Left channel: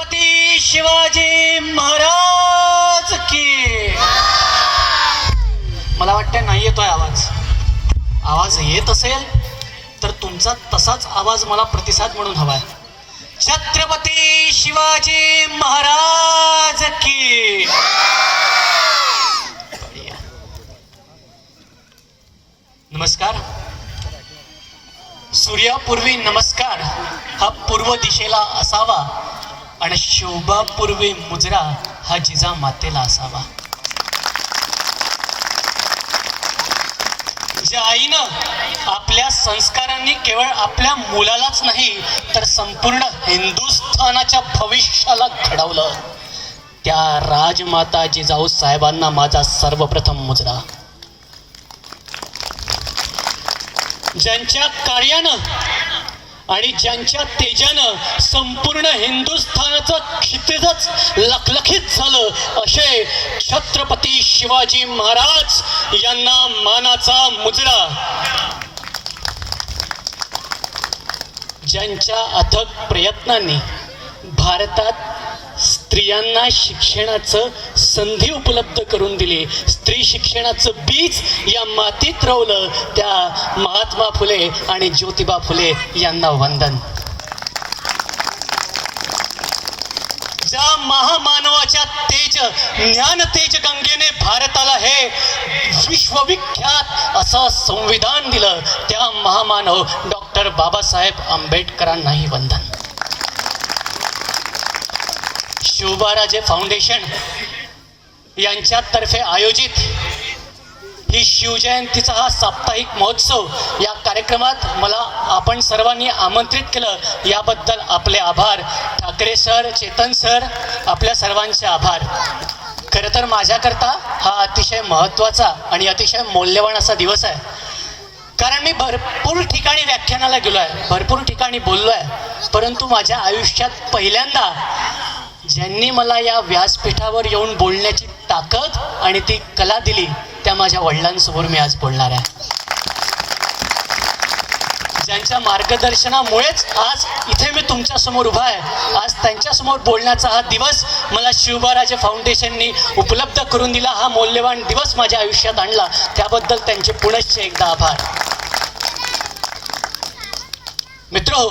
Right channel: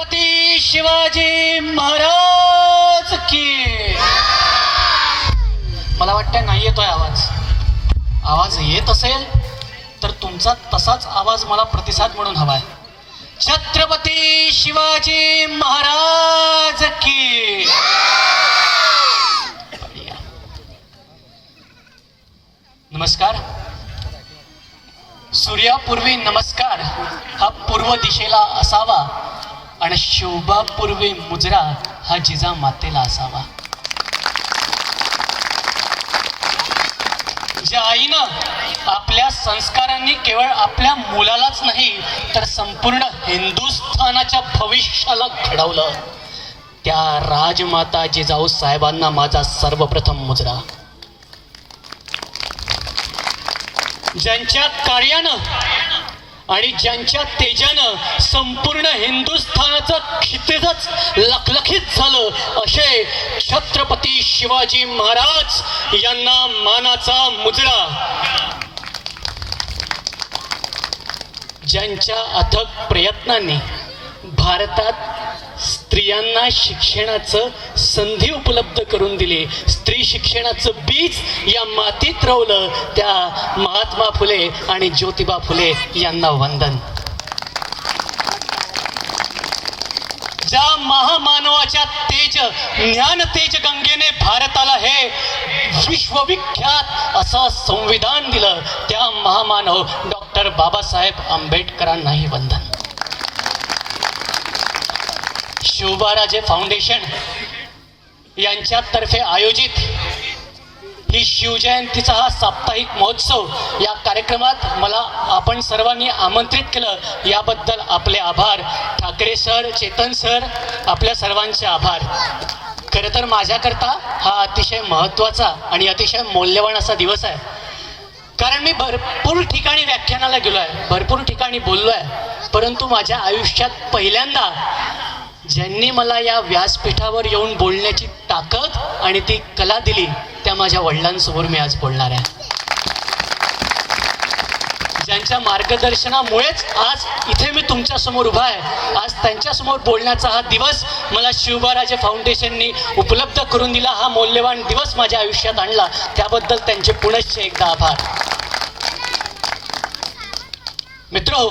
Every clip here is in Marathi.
छत्रपती शिवाजी महाराज की. मला वाटतं नाही येतोय आवाज. आवाज येत असेल तर तुमचा तसाच आवाज मला प्रतिसाद म्हणून हवाय. छत्रपती शिवाजी महाराज की. नमस्कार. सूर्यापूर्वी नमस्कार हा पूर्व दिशेला असावा आणि शोभापूर्वी मुजरा हा जिजा मातेला असावा. ज्या आईनं आपल्या संस्कारांनी केवळ आपल्या मुलालाच नाही तर संपूर्ण हिंदुस्थानाच्या भविष्याला घडवलं त्या राजमाता जिजाऊ साहेबांना माझा सर्वप्रथम मुजरा. ज्यांच्या कार्यानं आणि ज्यांच्या तेजानं संपूर्ण हिंदुस्थानाचं क्षितिजच लखलखित झालं असे छत्रपती शिवाजी महाराज यांना मानाचा मुजरा. ज्यांच्या अथक प्रयत्नांनी भारतात स्त्रियांना शिक्षणाचं संधी उपलब्ध करून दिली, स्त्री शिक्षणाचं बीज या मातीत रोवलं त्या महात्मा फुले आणि ज्योतिबा फुले यांना वंदन. ज्या महामानवाच्या तेज ज्ञान तेज गंगेने भारताला हे विश्वविख्यात असं संविधान दिलं त्या महामानव डॉक्टर बाबासाहेब आंबेडकरांनाही वंदन. शिवबाराजे फाउंडेशन यांच्यातर्फे आयोजित ही शिवजयंतीचा हा साप्ताहिक महोत्सव या कार्यक्रमात मला आपण सर्वांनी आमंत्रित केलं याबद्दल आपले आभार. ठाकरे सर, चेतन सर, आपल्या सर्वांचे आभार. खरं तर माझ्याकरता हा अतिशय महत्त्वाचा आणि अतिशय मौल्यवान असा दिवस आहे. कारण मी भरपूर ठिकाणी व्याख्यानाला गेलो आहे, भरपूर ठिकाणी बोललो आहे, परंतु माझ्या आयुष्यात पहिल्यांदा ज्यांनी मला या व्यासपीठावर येऊन बोलण्याची ताकद आणि ती कला दिली त्या माझ्या वडिलांसमोर मी आज बोलणार आहे. ज्यांच्या मार्गदर्शनामुळेच आज इथे मी तुमच्या समोर उभा आहे. आज त्यांच्यासमोर बोलण्याचा हा दिवस मला शिवबाराजे फाउंडेशननी उपलब्ध करून दिला, हा मौल्यवान दिवस माझ्या आयुष्यात आणला, त्याबद्दल त्यांचे पुनश्च एकदा आभार. मित्रो,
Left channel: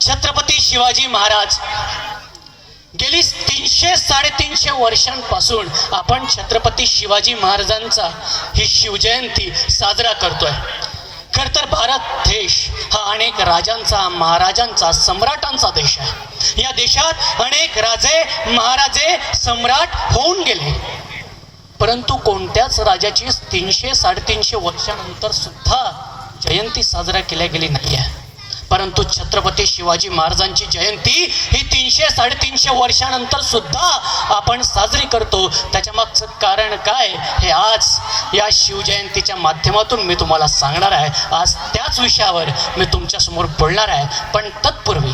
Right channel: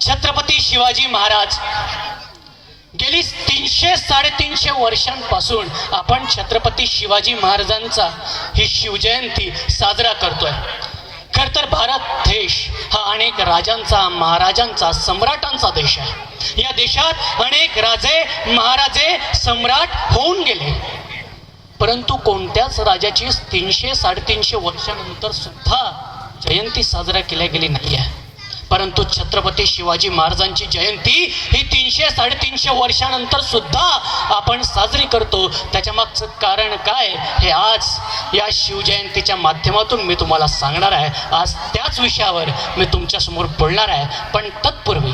छत्रपती शिवाजी महाराज गेली 300-350 वर्षांपासून आपण छत्रपती शिवाजी महाराजांचा ही शिवजयंती साजरा करतोय. खर तर भारत देश हा अनेक राजांचा, महाराजांचा, सम्राटांचा देश आहे. या देशात अनेक राजे, महाराजे, सम्राट होऊन गेले, परंतु कोणत्याच राजाची 300-350 वर्षानंतर सुद्धा जयंती साजरा केल्या गेली नाही आहे. परंतु छत्रपती शिवाजी महाराजांची जयंती ही 300-350 वर्षानंतर सुद्धा आपण साजरी करतो. त्याच्या मागचं कारण काय हे आज या शिवजयंतीच्या माध्यमातून मी तुम्हाला सांगणार आहे. आज त्याच विषयावर मी तुमच्यासमोर बोलणार आहे. पण तत्पूर्वी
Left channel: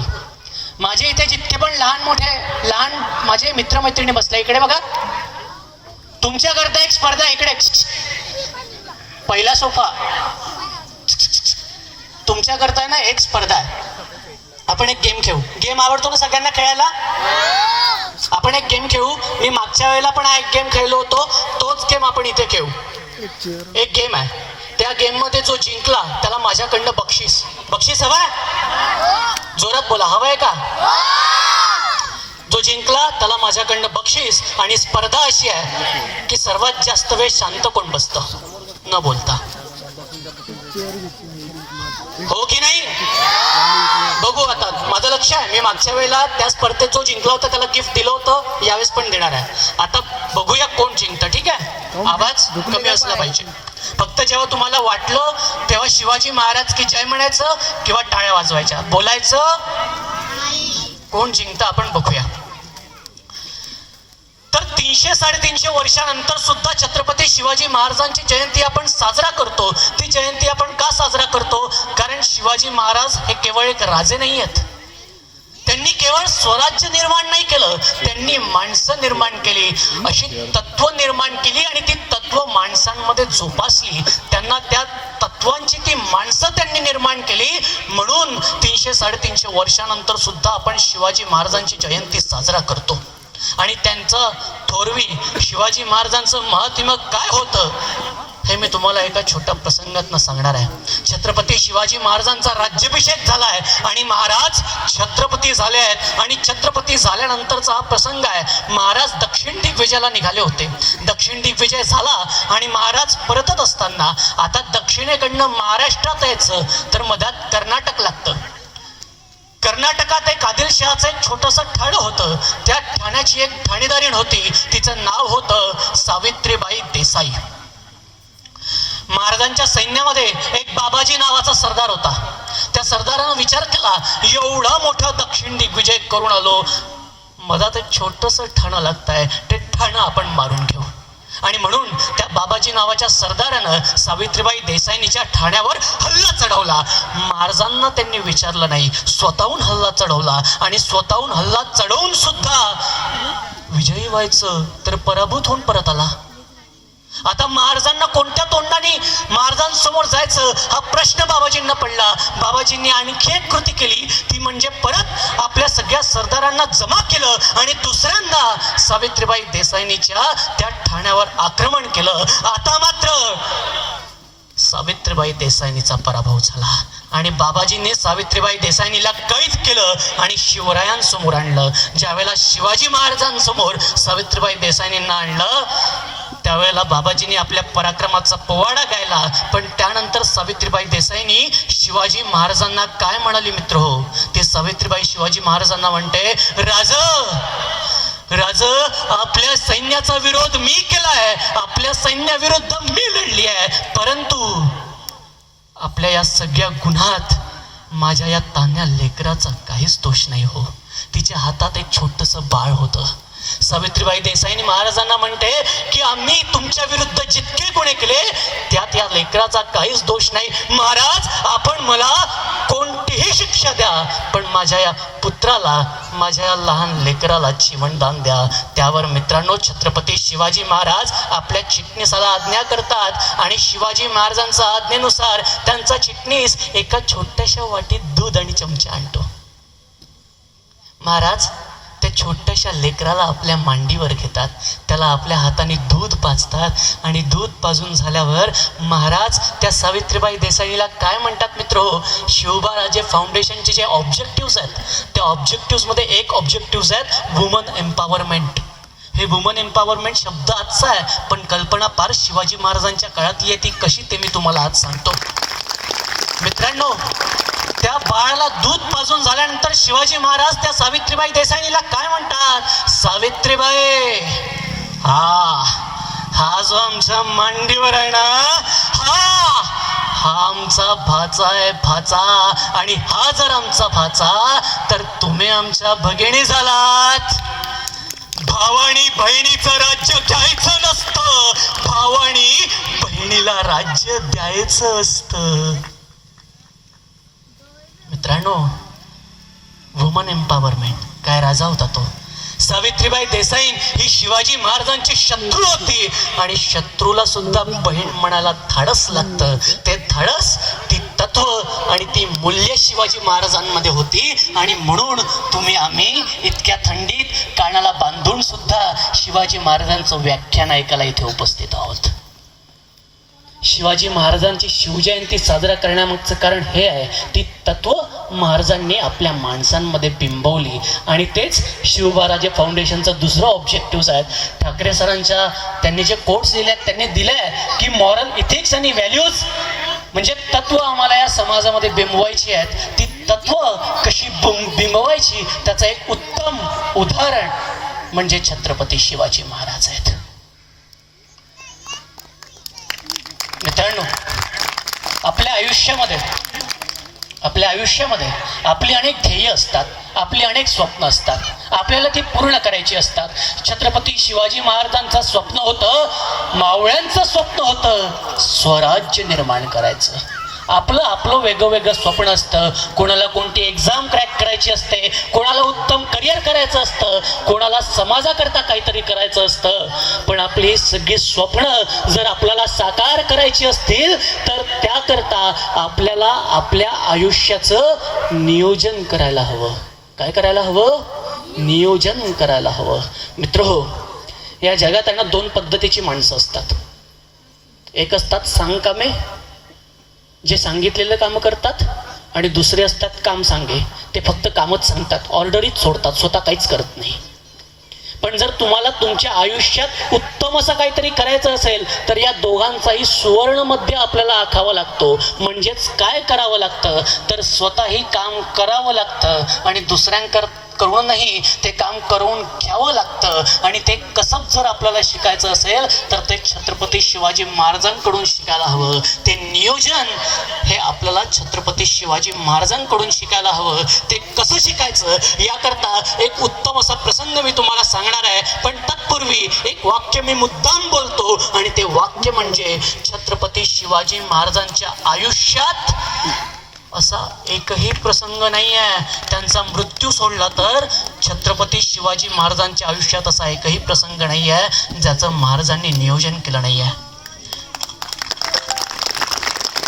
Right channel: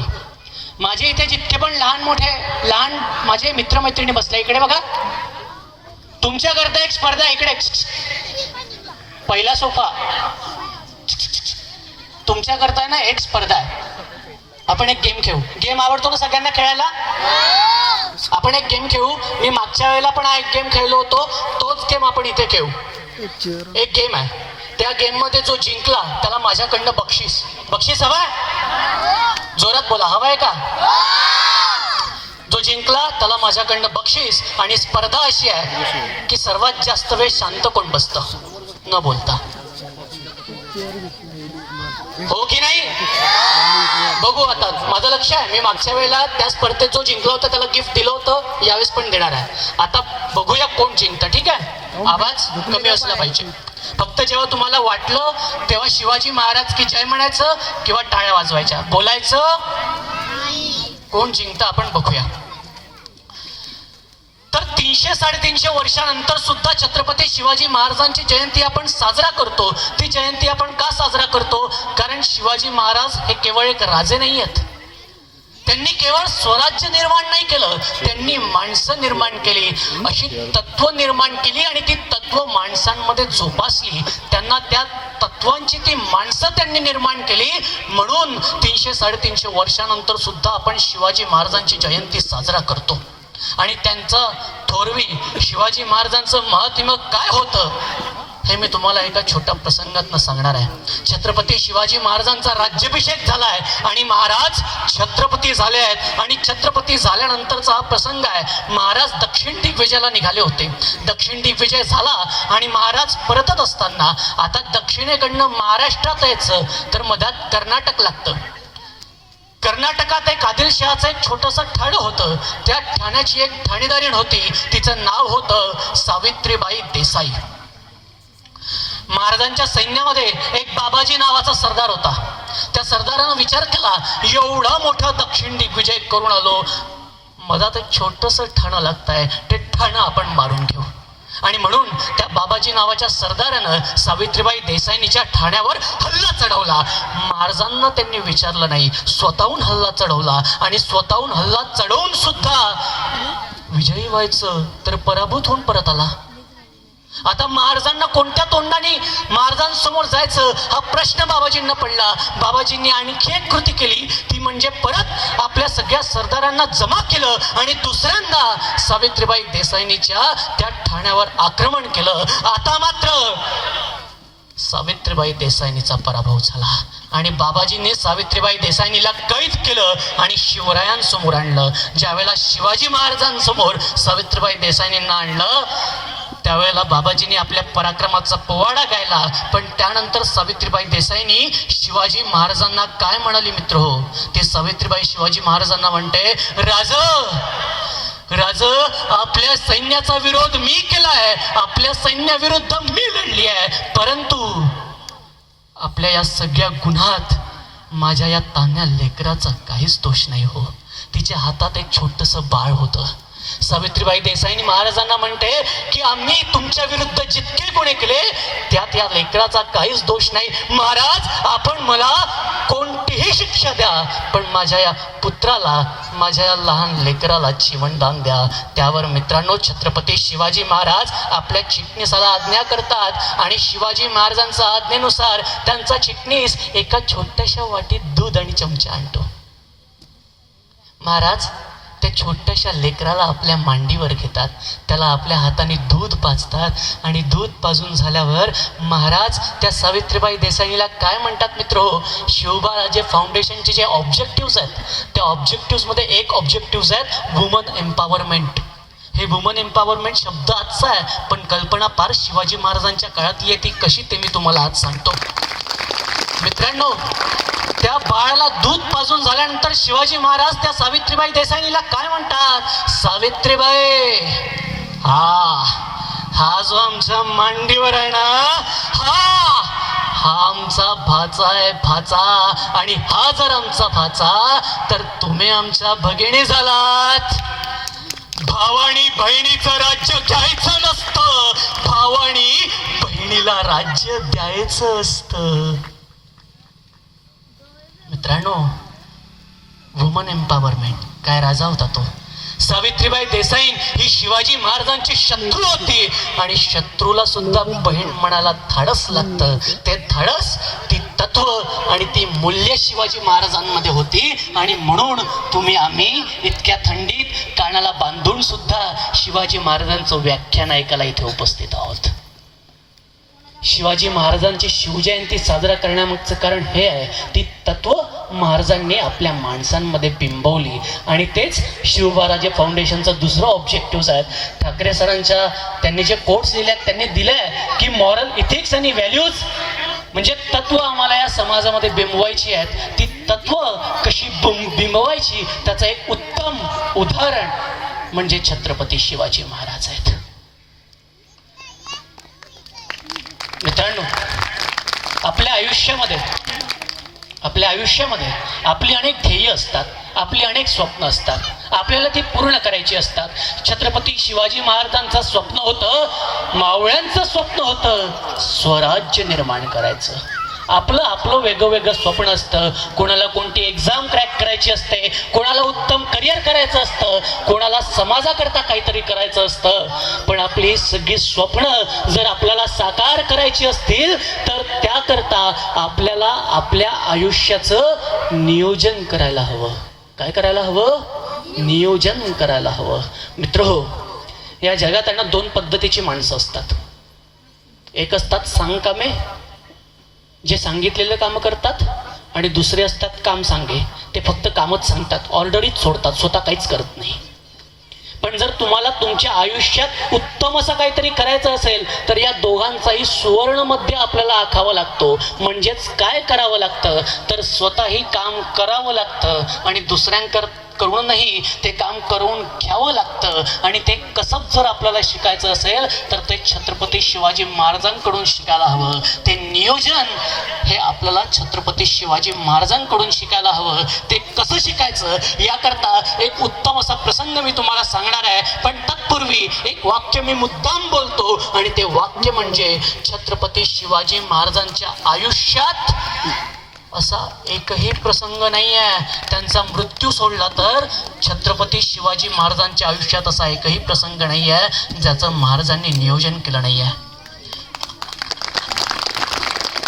माझे इथे जितके पण लहान माझे मित्रमैत्रिणी बसले, इकडे बघा. तुमच्याकरता एक स्पर्धा, इकडे पहिला सोफा. तुमच्याकरता ना एक स्पर्धा आहे. आपण एक गेम खेळू. गेम आवडतो ना सगळ्यांना खेळायला? आपण एक गेम खेळू. मी मागच्या वेळेला पण हा एक गेम खेळलो होतो, तोच गेम आपण इथे खेळू. एक गेम आहे, त्या गेम मध्ये जो जिंकला त्याला माझ्याकडनं बक्षीस हवाय. जोरात बोला, हवाय का? जो जिंकला त्याला माझ्याकडनं बक्षीस. आणि स्पर्धा अशी आहे की सर्वात जास्त वेळ शांत कोण बसतं न बोलता, हो की नाही? बघू आता. माझं लक्ष आहे, मी मागच्या वेळेला त्या स्पर्धेत जो जिंकला होता त्याला गिफ्ट दिलं होतं, यावेळेस पण देणार आहे. आता बघूया कोण जिंकतं. ठीक आहे? आवाज कमी असला पाहिजे. फक्त जेव्हा तुम्हाला वाटलं तेव्हा शिवाजी महाराज की जय म्हणायचं किंवा टाळ्या वाजवायच्या, बोलायचं. कोण जिंकतं आपण बघूया. तर 300-350 वर्षानंतर सुद्धा छत्रपती शिवाजी महाराजांची जयंती आपण साजरा करतो. ती जयंती आपण का साजरा करतो? कारण शिवाजी महाराज हे केवळ एक राजे नाही आहेत. त्यांनी केवळ स्वराज्य निर्माण नाही केलं, त्यांनी माणसं निर्माण केली, अशी तत्व निर्माण केली आणि ती तत्व माणसांमध्ये जोपासली. त्यांना त्या तत्वांची ती माणसं त्यांनी निर्माण केली. म्हणून 300-350 वर्षानंतर सुद्धा आपण शिवाजी महाराजांची जयंती साजरा करतो. आणि त्यांचं थोरवी शिवाजी महाराजांचं महात्म्य काय होतं हे मी तुम्हाला एका छोट्या प्रसंगातनं सांगणार आहे. छत्रपती शिवाजी महाराजांचा राज्याभिषेक झालाय आणि महाराज छत्रपती झाले आहेत. आणि छत्रपती झाल्यानंतरचा हा प्रसंग आहे. महाराज दक्षिण दिग्विजयाला निघाले होते. दक्षिण दिग्विजय झाला आणि महाराज परतत असताना आता दक्षिणेकडनं महाराष्ट्रात यायचं तर मधात कर्नाटक लागतं. कर्नाटकात एक आदिलशहाचं एक छोटंसं ठाणं होतं. त्या ठाण्याची एक ठाणेदारीण होती. तिचं नाव होतं सावित्रीबाई देसाई. महाराजांच्या सैन्यामध्ये एक बाबाजी नावाचा सरदार होता. त्या सरदारानं विचार केला, एवढा मोठा दक्षिण दिग्विजय करून आलो, मधात एक छोटंसं ठाणं लागतंय, ते ठाणं आपण मारून घेऊ. आणि म्हणून त्या बाबाजी नावाच्या सरदारानं सावित्रीबाई देसाईंच्या ठाण्यावर हल्ला चढवला. महाराजांना त्यांनी विचारलं नाही, स्वतःहून हल्ला चढवला. आणि स्वतःहून हल्ला चढवून सुद्धा विजयी व्हायचं तर पराभूत होऊन परत आला. आता महाराजांना कोणत्या तोंडाने महाराजांसमोर जायचं हा प्रश्न बाबाजींना पडला. बाबाजींनी आणखी एक कृती केली, ती म्हणजे परत आपल्या सगळ्या सरदारांना जमा केलं आणि दुसऱ्यांदा सावित्रीबाई देसाईंच्या त्या ठाण्यावर आक्रमण केलं. आता मात्र सावित्रीबाई देसाईंचा पराभव झाला आणि बाबाजींनी सावित्रीबाई देसाईंला कैद केलं आणि शिवरायांसमोर आणलं. ज्यावेळेला शिवाजी महाराजांसमोर सावित्रीबाई देसाईंना आणलं त्यावेळेला बाबाजींनी आपल्या पराक्रमाचा पोवाडा गायला. पण त्यानंतर सावित्रीबाई देसाईंनी शिवाजी महाराजांना काय म्हणाली मित्र हो, ते सावित्रीबाई शिवाजी महाराजांना म्हणते, राज आपल्या सैन्याचा विरोध मी केलाय, आपल्या सैन्याविरुद्ध मी लढली आहे, परंतु आपल्या या सगळ्या गुन्ह्यात माझ्या या तान्या लेकराचा काहीच दोष नाही हो. तिच्या हातात एक छोटंसं बाळ होतं. सावित्रीबाई देसाईंनी महाराजांना म्हणते की आम्ही तुमच्या विरुद्ध जितके गुन्हे केले त्यात या लेकराचा काहीच दोष नाही. महाराज आपण मला कोणतीही शिक्षा द्या, पण माझ्या या पुत्राला, माझ्या या लहान लेकराला जीवनदान द्या. त्यावर मित्रांनो छत्रपती शिवाजी महाराज आपल्या चिटणीसाला आज्ञा करतात आणि शिवाजी महाराजांच्या आज्ञेनुसार त्यांचा चिटणीस एका छोट्याशा वाटीत दूध आणि चमचा आणतो. महाराज त्या छोट्याशा लेकराला आपल्या मांडीवर घेतात, त्याला आपल्या हाताने दूध पाजतात आणि दूध पाजून झाल्यावर महाराज त्या सावित्रीबाई देसाईला काय म्हणतात मित्र हो, शिवबाराजे फाउंडेशनचे जे ऑब्जेक्टिव्ह आहेत त्या ऑब्जेक्टिव्हमध्ये एक ऑब्जेक्टिव्ह आहेत वुमन एम्पॉवरमेंट. हे वुमन एम्पॉवरमेंट शब्द आजचा आहे पण कल्पना फार शिवाजी महाराजांच्या काळातली आहे. ती कशी ते मी तुम्हाला आज सांगतो. मित्रांनो त्या बाळाला दूध पाजून झाल्यानंतर शिवाजी महाराज त्या सावित्रीबाई देसाईला काय म्हणतात, सावित्रीबाई हा जो आमच्या मांडीवर आहे ना हा आमचा भाचा आहे, भाचा. आणि हा जर आमचा भाचा तर तुम्ही आमच्या भगिनी झालात. भावानी बहिणीचं राज्य द्यायचं नसतं, भावानी बहिणीला राज्य द्यायचं असतं. मित्रांनो वुमन एम्पॉवरमेंट काय राजा होता तो. सावित्रीबाई देसाई ही शिवाजी महाराजांची शत्रू होती आणि शत्रूला सुद्धा बहीण म्हणायला धाडस लागतं. ते धाडस, ती तत्व आणि ती मूल्य शिवाजी महाराजांमध्ये होती. आणि म्हणून तुम्ही आम्ही इतक्या थंडीत कानाला बांधून सुद्धा शिवाजी महाराजांचं व्याख्यान ऐकायला इथे उपस्थित आहोत. शिवाजी महाराजांची शिवजयंती साजरा करण्यामागचं कारण हे आहे, ती तत्व महाराजांनी आपल्या माणसांमध्ये बिंबवली. आणि तेच शिवबाराजे फाउंडेशनचं दुसरं ऑब्जेक्टिव्ह आहे. ठाकरे सरांच्या त्यांनी जे कोट्स दिले आहेत त्यांनी दिलंय की मॉरल इथिक्स आणि व्हॅल्यूज म्हणजे तत्व आम्हाला या समाजामध्ये बिंबवायची आहेत. ती तत्व कशी बिंबवायची त्याचं एक उत्तम उदाहरण म्हणजे छत्रपती शिवाजी महाराज आहेत. मित्रांनो आपल्या आयुष्यामध्ये आपली अनेक ध्येय असतात, आपली अनेक स्वप्न असतात, आपल्याला ती पूर्ण करायची असतात. छत्रपती शिवाजी महाराजांचं स्वप्न होतं, मावळ्यांचं स्वप्न होतं स्वराज्य निर्माण करायचं. आपलं आपलं वेगवेगळं स्वप्न असतं. कोणाला कोणती एक्झाम क्रॅक करायची असते, कोणाला उत्तम करिअर करायचं असतं, कोणाला समाजाकरता काहीतरी करायचं असतं. पण आपली सगळी स्वप्न जर आपल्याला साकार करायची असतील तर त्याकरता आपल्याला आपल्या आयुष्याचं नियोजन करायला हवं. काय करायला हवं? नियोजन करायला हवं. मित्रहो, या जगात आहे ना 2 पद्धतीची माणसं असतात. एक असतात सांगकामे, जे सांगितलेलं काम करतात, आणि दुसरे असतात काम सांगे, ते फक्त कामच सांगतात, ऑर्डरीच सोडतात, स्वतः काहीच करत नाही. पण जर तुम्हाला तुमच्या आयुष्यात उत्तम असं काहीतरी करायचं असेल तर या दोघांचाही सुवर्ण मध्य आपल्याला आखावा लागतो. म्हणजेच काय करावं लागतं तर स्वतःही काम करावं लागतं आणि दुसऱ्यांकडूनही ते काम करून घ्यावं लागतं. आणि ते कसं जर आपल्याला शिकायचं असेल तर ते छत्रपती शिवाजी महाराजांकडून शिकायला हवं. ते नियोजन हे आपल्याला छत्रपती शिवाजी महाराजांकडून शिकायला हवं. ते कसं शिकायचं याकरता एक उत्तम असा प्रसंग मी तुम्हाला सांगणार आहे. पण तत्पूर्वी एक वाक्य मी मुद्दाम बोलतो आणि ते वाक्य म्हणजे छत्रपती शिवाजी महाराजांच्या आयुष्यात असा एकही प्रसंग नाही आहे, त्यांचा मृत्यू सोडला तर छत्रपती शिवाजी महाराजांच्या आयुष्यात असा एकही प्रसंग नाही आहे ज्याचं महाराजांनी नियोजन केलं नाही आहे.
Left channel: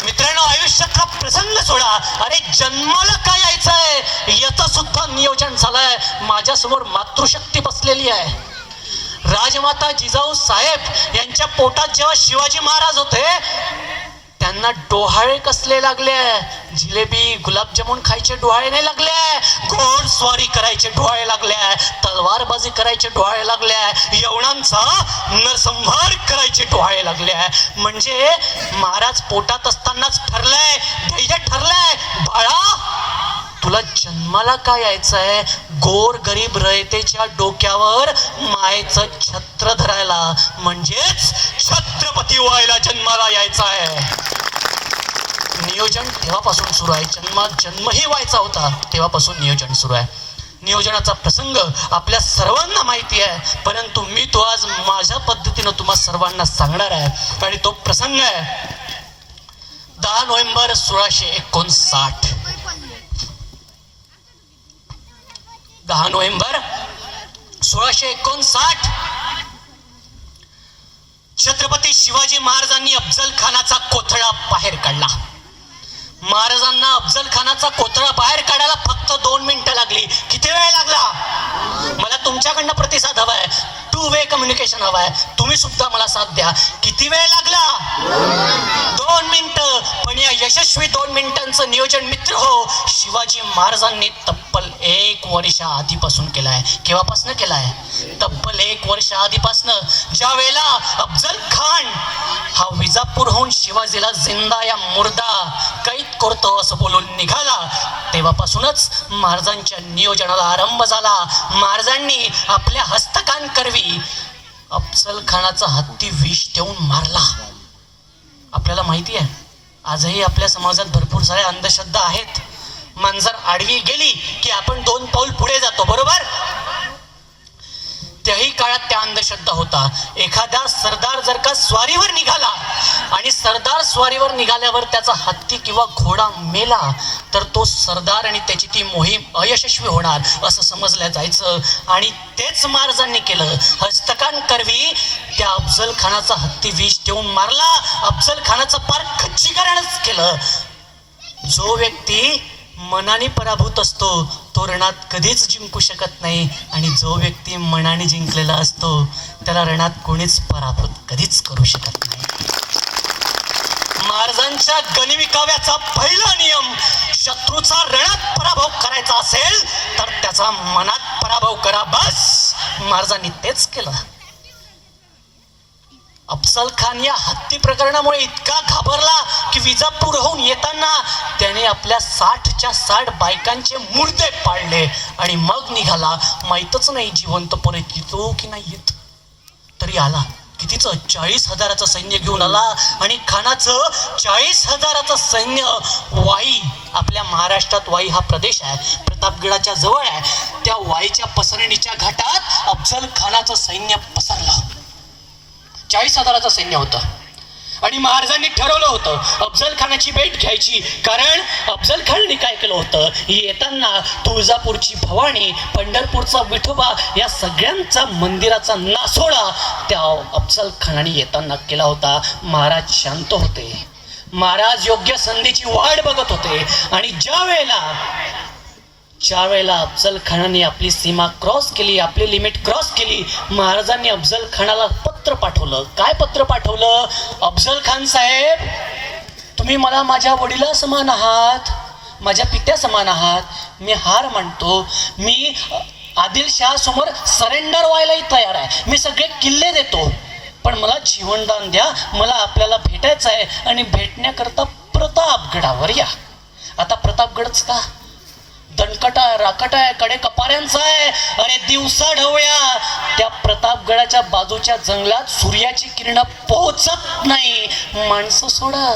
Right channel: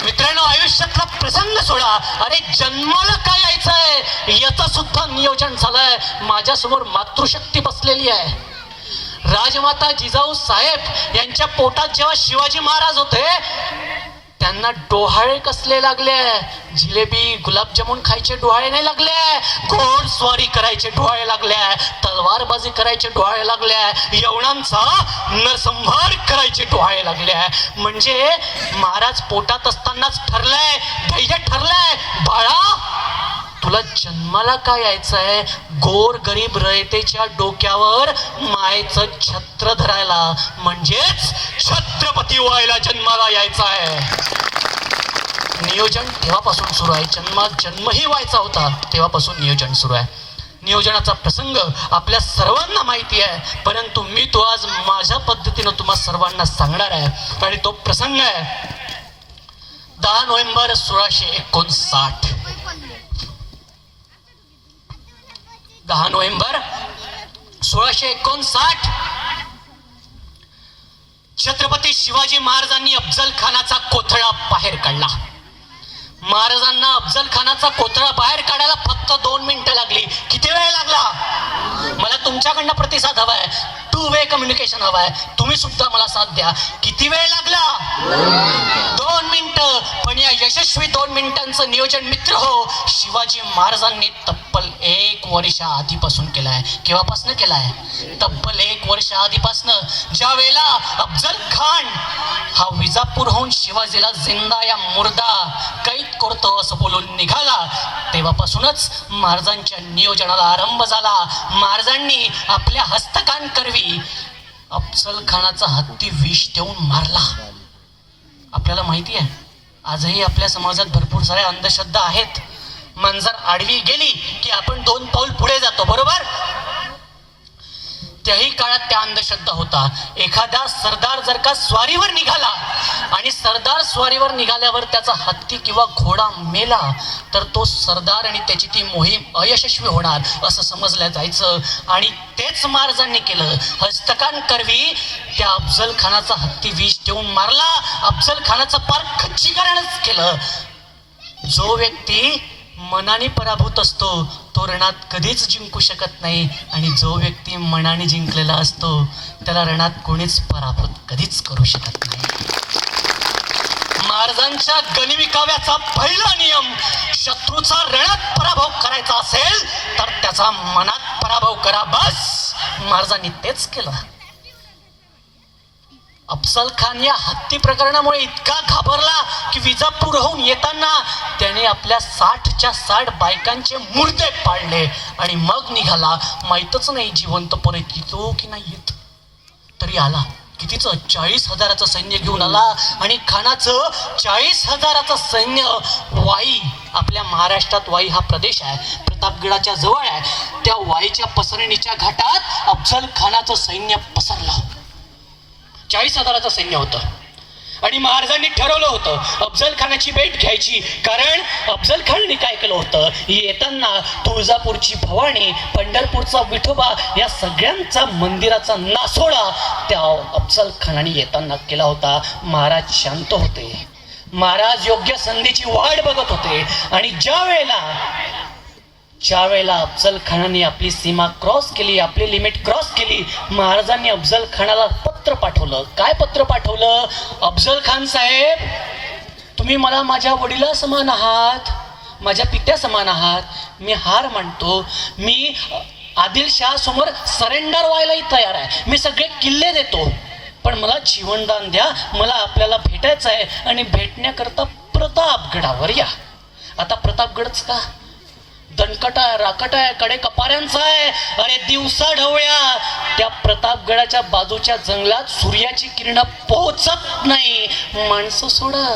मित्रांनो, आयुष्यातला प्रसंग सोडा, अरे जन्माला काय यायचंय याचं सुद्धा नियोजन झालंय. माझ्यासमोर मातृशक्ती बसलेली आहे. राजमाता जिजाऊ साहेब यांच्या पोटात जेव्हा शिवाजी महाराज होते त्यांना डोहाळे कसले लागले? जिलेबी गुलाबजामुन खायचे डोहाळे नाही लागले, घोडस्वारी करायचे डोहाळे लागले, तलवारबाजी करायचे डोहाळे लागले, यवनांचा नरसंहार करायचे डोहाळे लागले. म्हणजे महाराज पोटात असतानाच ठरलंय, ध्येय ठरलंय, बाळा तुला जन्माला काय यायचंय? गोर गरीब रयतेच्या डोक्यावर मायेचं छत्र धरायला, म्हणजेच छत्रपती व्हायला जन्माला यायचं आहे. नियोजन तेव्हापासून सुरू आहे. जन्मही व्हायचा होता तेव्हापासून नियोजन सुरू आहे. नियोजनाचा प्रसंग आपल्या सर्वांना माहिती आहे, परंतु मी तो आज माझ्या पद्धतीनं तुम्हा सर्वांना सांगणार आहे. आणि तो प्रसंग आहे 10 नोव्हेंबर 1659. 10 नोव्हेंबर 1659 छत्रपती शिवाजी महाराजांनी अफजल खानाचा कोथळा बाहेर काढला. महाराजांना अफजल खानाचा कोथळा बाहेर काढायला फक्त 2 मिनिटं लागली. किती वेळ लागला? मला तुमच्याकडनं प्रतिसाद हवाय, 2 वे कम्युनिकेशन हवाय. तुम्ही सुद्धा मला साथ द्या. किती वेळ लागला? 2 मिनिटं. पण या यशस्वी 2 मिनिटांचं नियोजन मित्र हो शिवाजी महाराजांनी तब्बल 1 वर्ष आधीपासून केलाय. केव्हापासून केलाय? तब्बल 1 वर्ष आधीपासून. ज्या वेळेला अफजल खान हा विजापूरहून शिवाजीला जिंदा या मुर्दा कैद करतो असं बोलून निघाला, तेव्हापासूनच महाराजांच्या नियोजनाला आरंभ झाला. महाराजांनी आपल्या हस्तकांकरवी अफजल खानाचा हत्ती विष देऊन मारला. आपल्याला माहिती आहे आजही आपल्या समाजात भरपूर साऱ्या अंधश्रद्धा आहेत. मांजर आडवी गेली की आपण 2 पाऊल पुढे जातो, बरोबर? त्याही काळात त्या अंधश्रद्धा होता. एखादा सरदार जर का स्वारीवर निघाला आणि सरदार स्वारीवर निघाल्यावर त्याचा हत्ती किंवा घोडा मेला तर तो सरदार आणि त्याची ती मोहीम अयशस्वी होणार असं समजलं जायचं. आणि तेच महाराजांनी केलं. हस्तकांकरवी त्या अफजल खानाचा हत्ती विष देऊन मारला. अफजल खानाचं पार खच्चीकरणच केलं. जो व्यक्ती मनाने पराभूत असतो तो रणात कधीच जिंकू शकत नाही, आणि जो व्यक्ती मनाने जिंकलेला असतो त्याला रणात कोणीच पराभूत कधीच करू शकत नाही. महाराजांच्या गनिमिकाव्याचा पहिला नियम, शत्रूचा रणात पराभव करायचा असेल तर त्याचा मनात पराभव करा, बस. महाराजांनी तेच केलं. अफजल खान या हत्ती प्रकरणामुळे इतका घाबरला की विजापूरहून येताना त्याने आपल्या 60च्या 60 बायकांचे मुर्दे पाळले आणि मग निघाला. माहीतच नाही जिवंत परत येतो की नाही येत. तरी आला. कितीचं? 40,000चं सैन्य घेऊन आला. आणि खानाचं 40,000चं सैन्य वाई, आपल्या महाराष्ट्रात वाई हा प्रदेश आहे, प्रतापगडाच्या जवळ आहे, त्या वाईच्या पसरणीच्या घाटात अफजल खानाचं सैन्य पसरलं. 40,000चं सैन्य होतं. आणि महाराजांनी ठरवलं होतं अफजल खानाची भेट घ्यायची. कारण अफजल खानाने काय केलं होतं, येताना तुळजापूरची भवानी, पंढरपूरचा विठोबा या सगळ्यांचा मंदिराचा नासोडा त्या अफजल खानाने येताना केला होता. महाराज शांत होते, महाराज योग्य संधीची वाट बघत होते. आणि ज्या वेळेला अफजल खानाने आपली सीमा क्रॉस केली, आपली लिमिट क्रॉस केली, महाराजांनी अफजल खानाला पत्र पाठवलं. काय पत्र पाठवलं? अफजल खान साहेब, तुम्ही मला माझ्या वडिला समान आहात, माझ्या पित्या समान आहात. मी हार मानतो, मी आदिलशाह समोर सरेंडर व्हायलाही तयार आहे, मी सगळे किल्ले देतो, पण मला जीवनदान द्या, मला आपल्याला भेटायचं आहे. आणि भेटण्याकरता प्रतापगडावर या. आता प्रतापगडच का, दणकट आहे, राकट आहे, कडे कपाऱ्यांचा आहे. अरे दिवसा ढवळ्या त्या प्रतापगडाच्या बाजूच्या जंगलात सूर्याची किरण पोहोचत नाही. माणसं सोडा,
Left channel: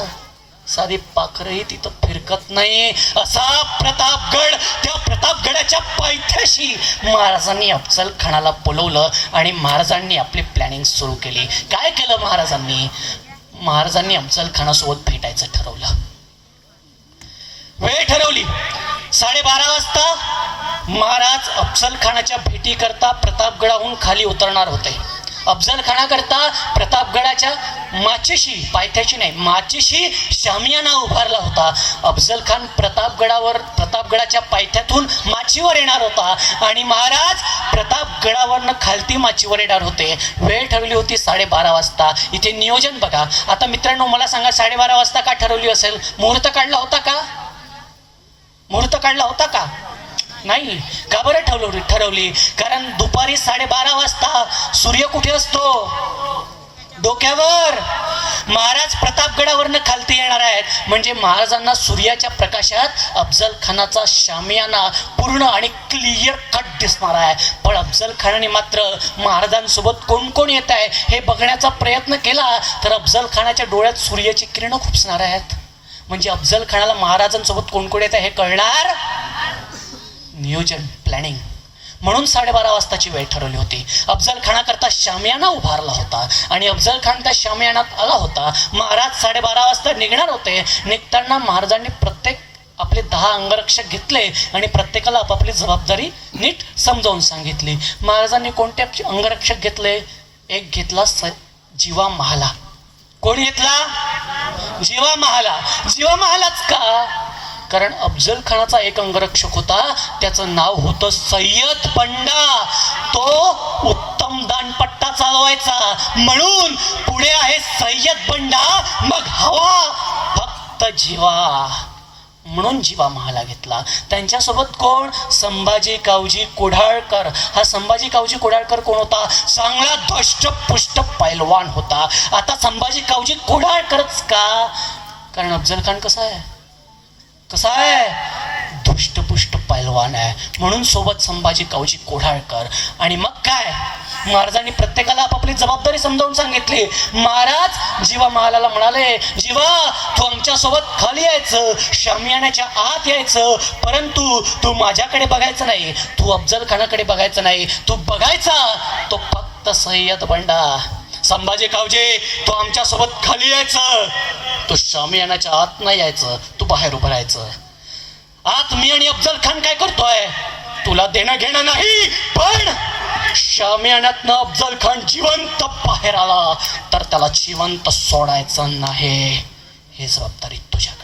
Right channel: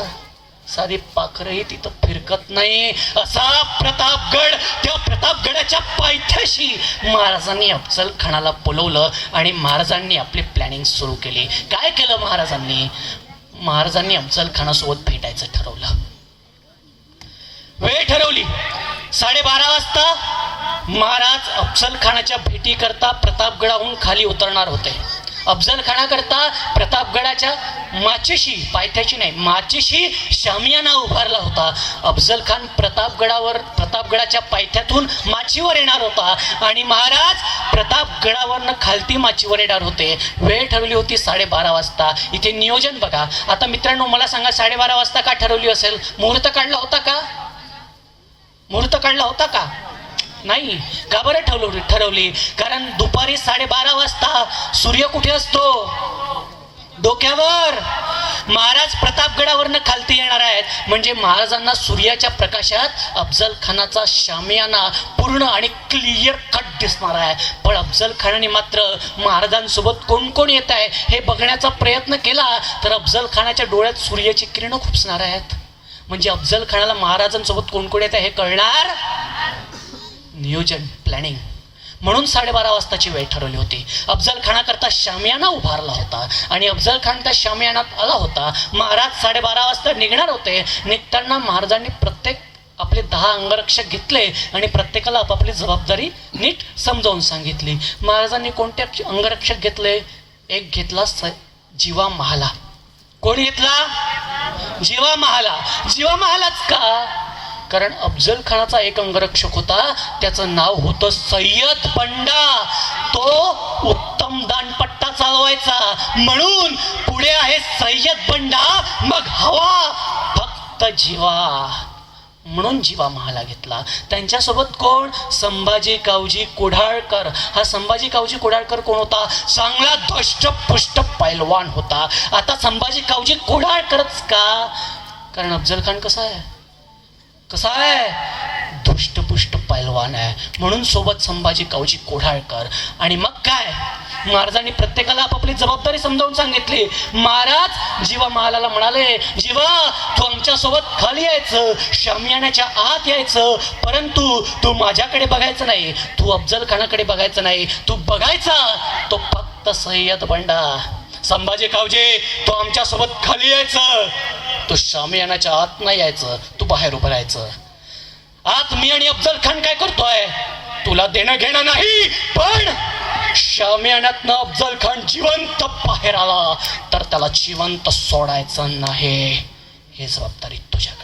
साधी पाखरही तिथं फिरकत नाही. असा प्रतापगड, त्या प्रतापगडाच्या पायथ्याशी महाराजांनी अफजल खानाला बोलवलं आणि महाराजांनी आपली प्लॅनिंग सुरू केली. काय केलं महाराजांनी अफजल खानासोबत भेटायचं ठरवलं. वेळ ठरवली. 12:30 वाजता महाराज अफजल खानाच्या भेटी करता प्रतापगडाहून खाली उतरणार होते. अफजल खानाकरता प्रतापगडाच्या माचीशी, पायथ्याशी नाही, माचीशी शामियाना उभारला होता. अफजल खान प्रतापगडाच्या पायथ्यातून माचीवर येणार होता आणि महाराज प्रतापगडावरनं खालती माचीवर येणार होते. वेळ ठरवली होती 12:30 वाजता. इथे नियोजन बघा. आता मित्रांनो मला सांगा, 12:30 वाजता का ठरवली असेल? मुहूर्त काढला होता का? मुहूर्त काढला होता का? नाही. का बरं ठरवली? कारण दुपारी 12:30 वाजता सूर्य कुठे असतो? डोक्यावर. महाराज प्रतापगडावरनं खालती येणार आहेत, म्हणजे महाराजांना सूर्याच्या प्रकाशात अफजल खानाचा शामियाना पूर्ण आणि क्लिअर कट दिसणार आहे. पण अफजल खानाने मात्र महाराजांसोबत कोण कोण येत आहे हे बघण्याचा प्रयत्न केला तर अफजल खानाच्या डोळ्यात सूर्याची किरणं खुपसणार आहेत. म्हणजे अफजल खानाला महाराजांसोबत कोण कोण येत आहे हे कळणार. नियोजन, प्लॅनिंग. म्हणून 12:30 वाजताची वेळ ठरवली होती. अफजल खानाकरता शामियाना उभारला होता आणि अफजल खान त्या शामियानात आला होता. महाराज 12:30 वाजता निघणार होते. निघताना महाराजांनी प्रत्येक आपले 10 अंगरक्षक घेतले आणि प्रत्येकाला आपापली जबाबदारी नीट समजावून सांगितली. महाराजांनी कोणते अंगरक्षक घेतले? एक घेतला जीवा महाला. कोण घेतला? जीवा महाला. जीवा महालाच का? कारण अफजल खानाचा एक अंगरक्षक होता, त्याचं नाव होतं सय्यद बंडा. तो उत्तम दानपट्टा चालवायचा, म्हणून पुढे आहे सय्यद बंडा, मग हवा फक्त जीवा, म्हणून जीवा महाला घेतला. त्यांच्यासोबत कोण? संभाजी कावजी कोढाळकर. हा संभाजी कावजी कोढाळकर कोण होता? चांगला धष्टपुष्ट पैलवान होता. आता संभाजी कावजी कोढाळकरच का? कारण अफजल खान कसा आहे धुष्टपुष्ट पैलवान आहे, म्हणून सोबत संभाजी कावजी कोढाळकर. आणि मग काय, महाराजांनी प्रत्येकाला आपापली जबाबदारी समजावून सांगितली. महाराज जीवा महालाला म्हणाले, जीवा तू आमच्या सोबत खाली यायचं, शामियानाच्या आत यायचं, परंतु तू माझ्याकडे बघायचं नाही, तू अफजल खानाकडे बघायचं नाही, तू बघायचा तो फक्त सय्यद बंडा. संभाजी कावजी तू आमच्या सोबत खाली यायचं, तू शामियानाच्या आत नाही यायचं, तू बाहेर उभं राहायचं. आत मी आणि अफजल खान काय करतोय तुला देणं घेणं नाही, पण शामियानातनं अफजल खान जिवंत बाहेर आला तर त्याला जिवंत सोडायचं नाही. ही जबाबदारी तुझ्याकडे.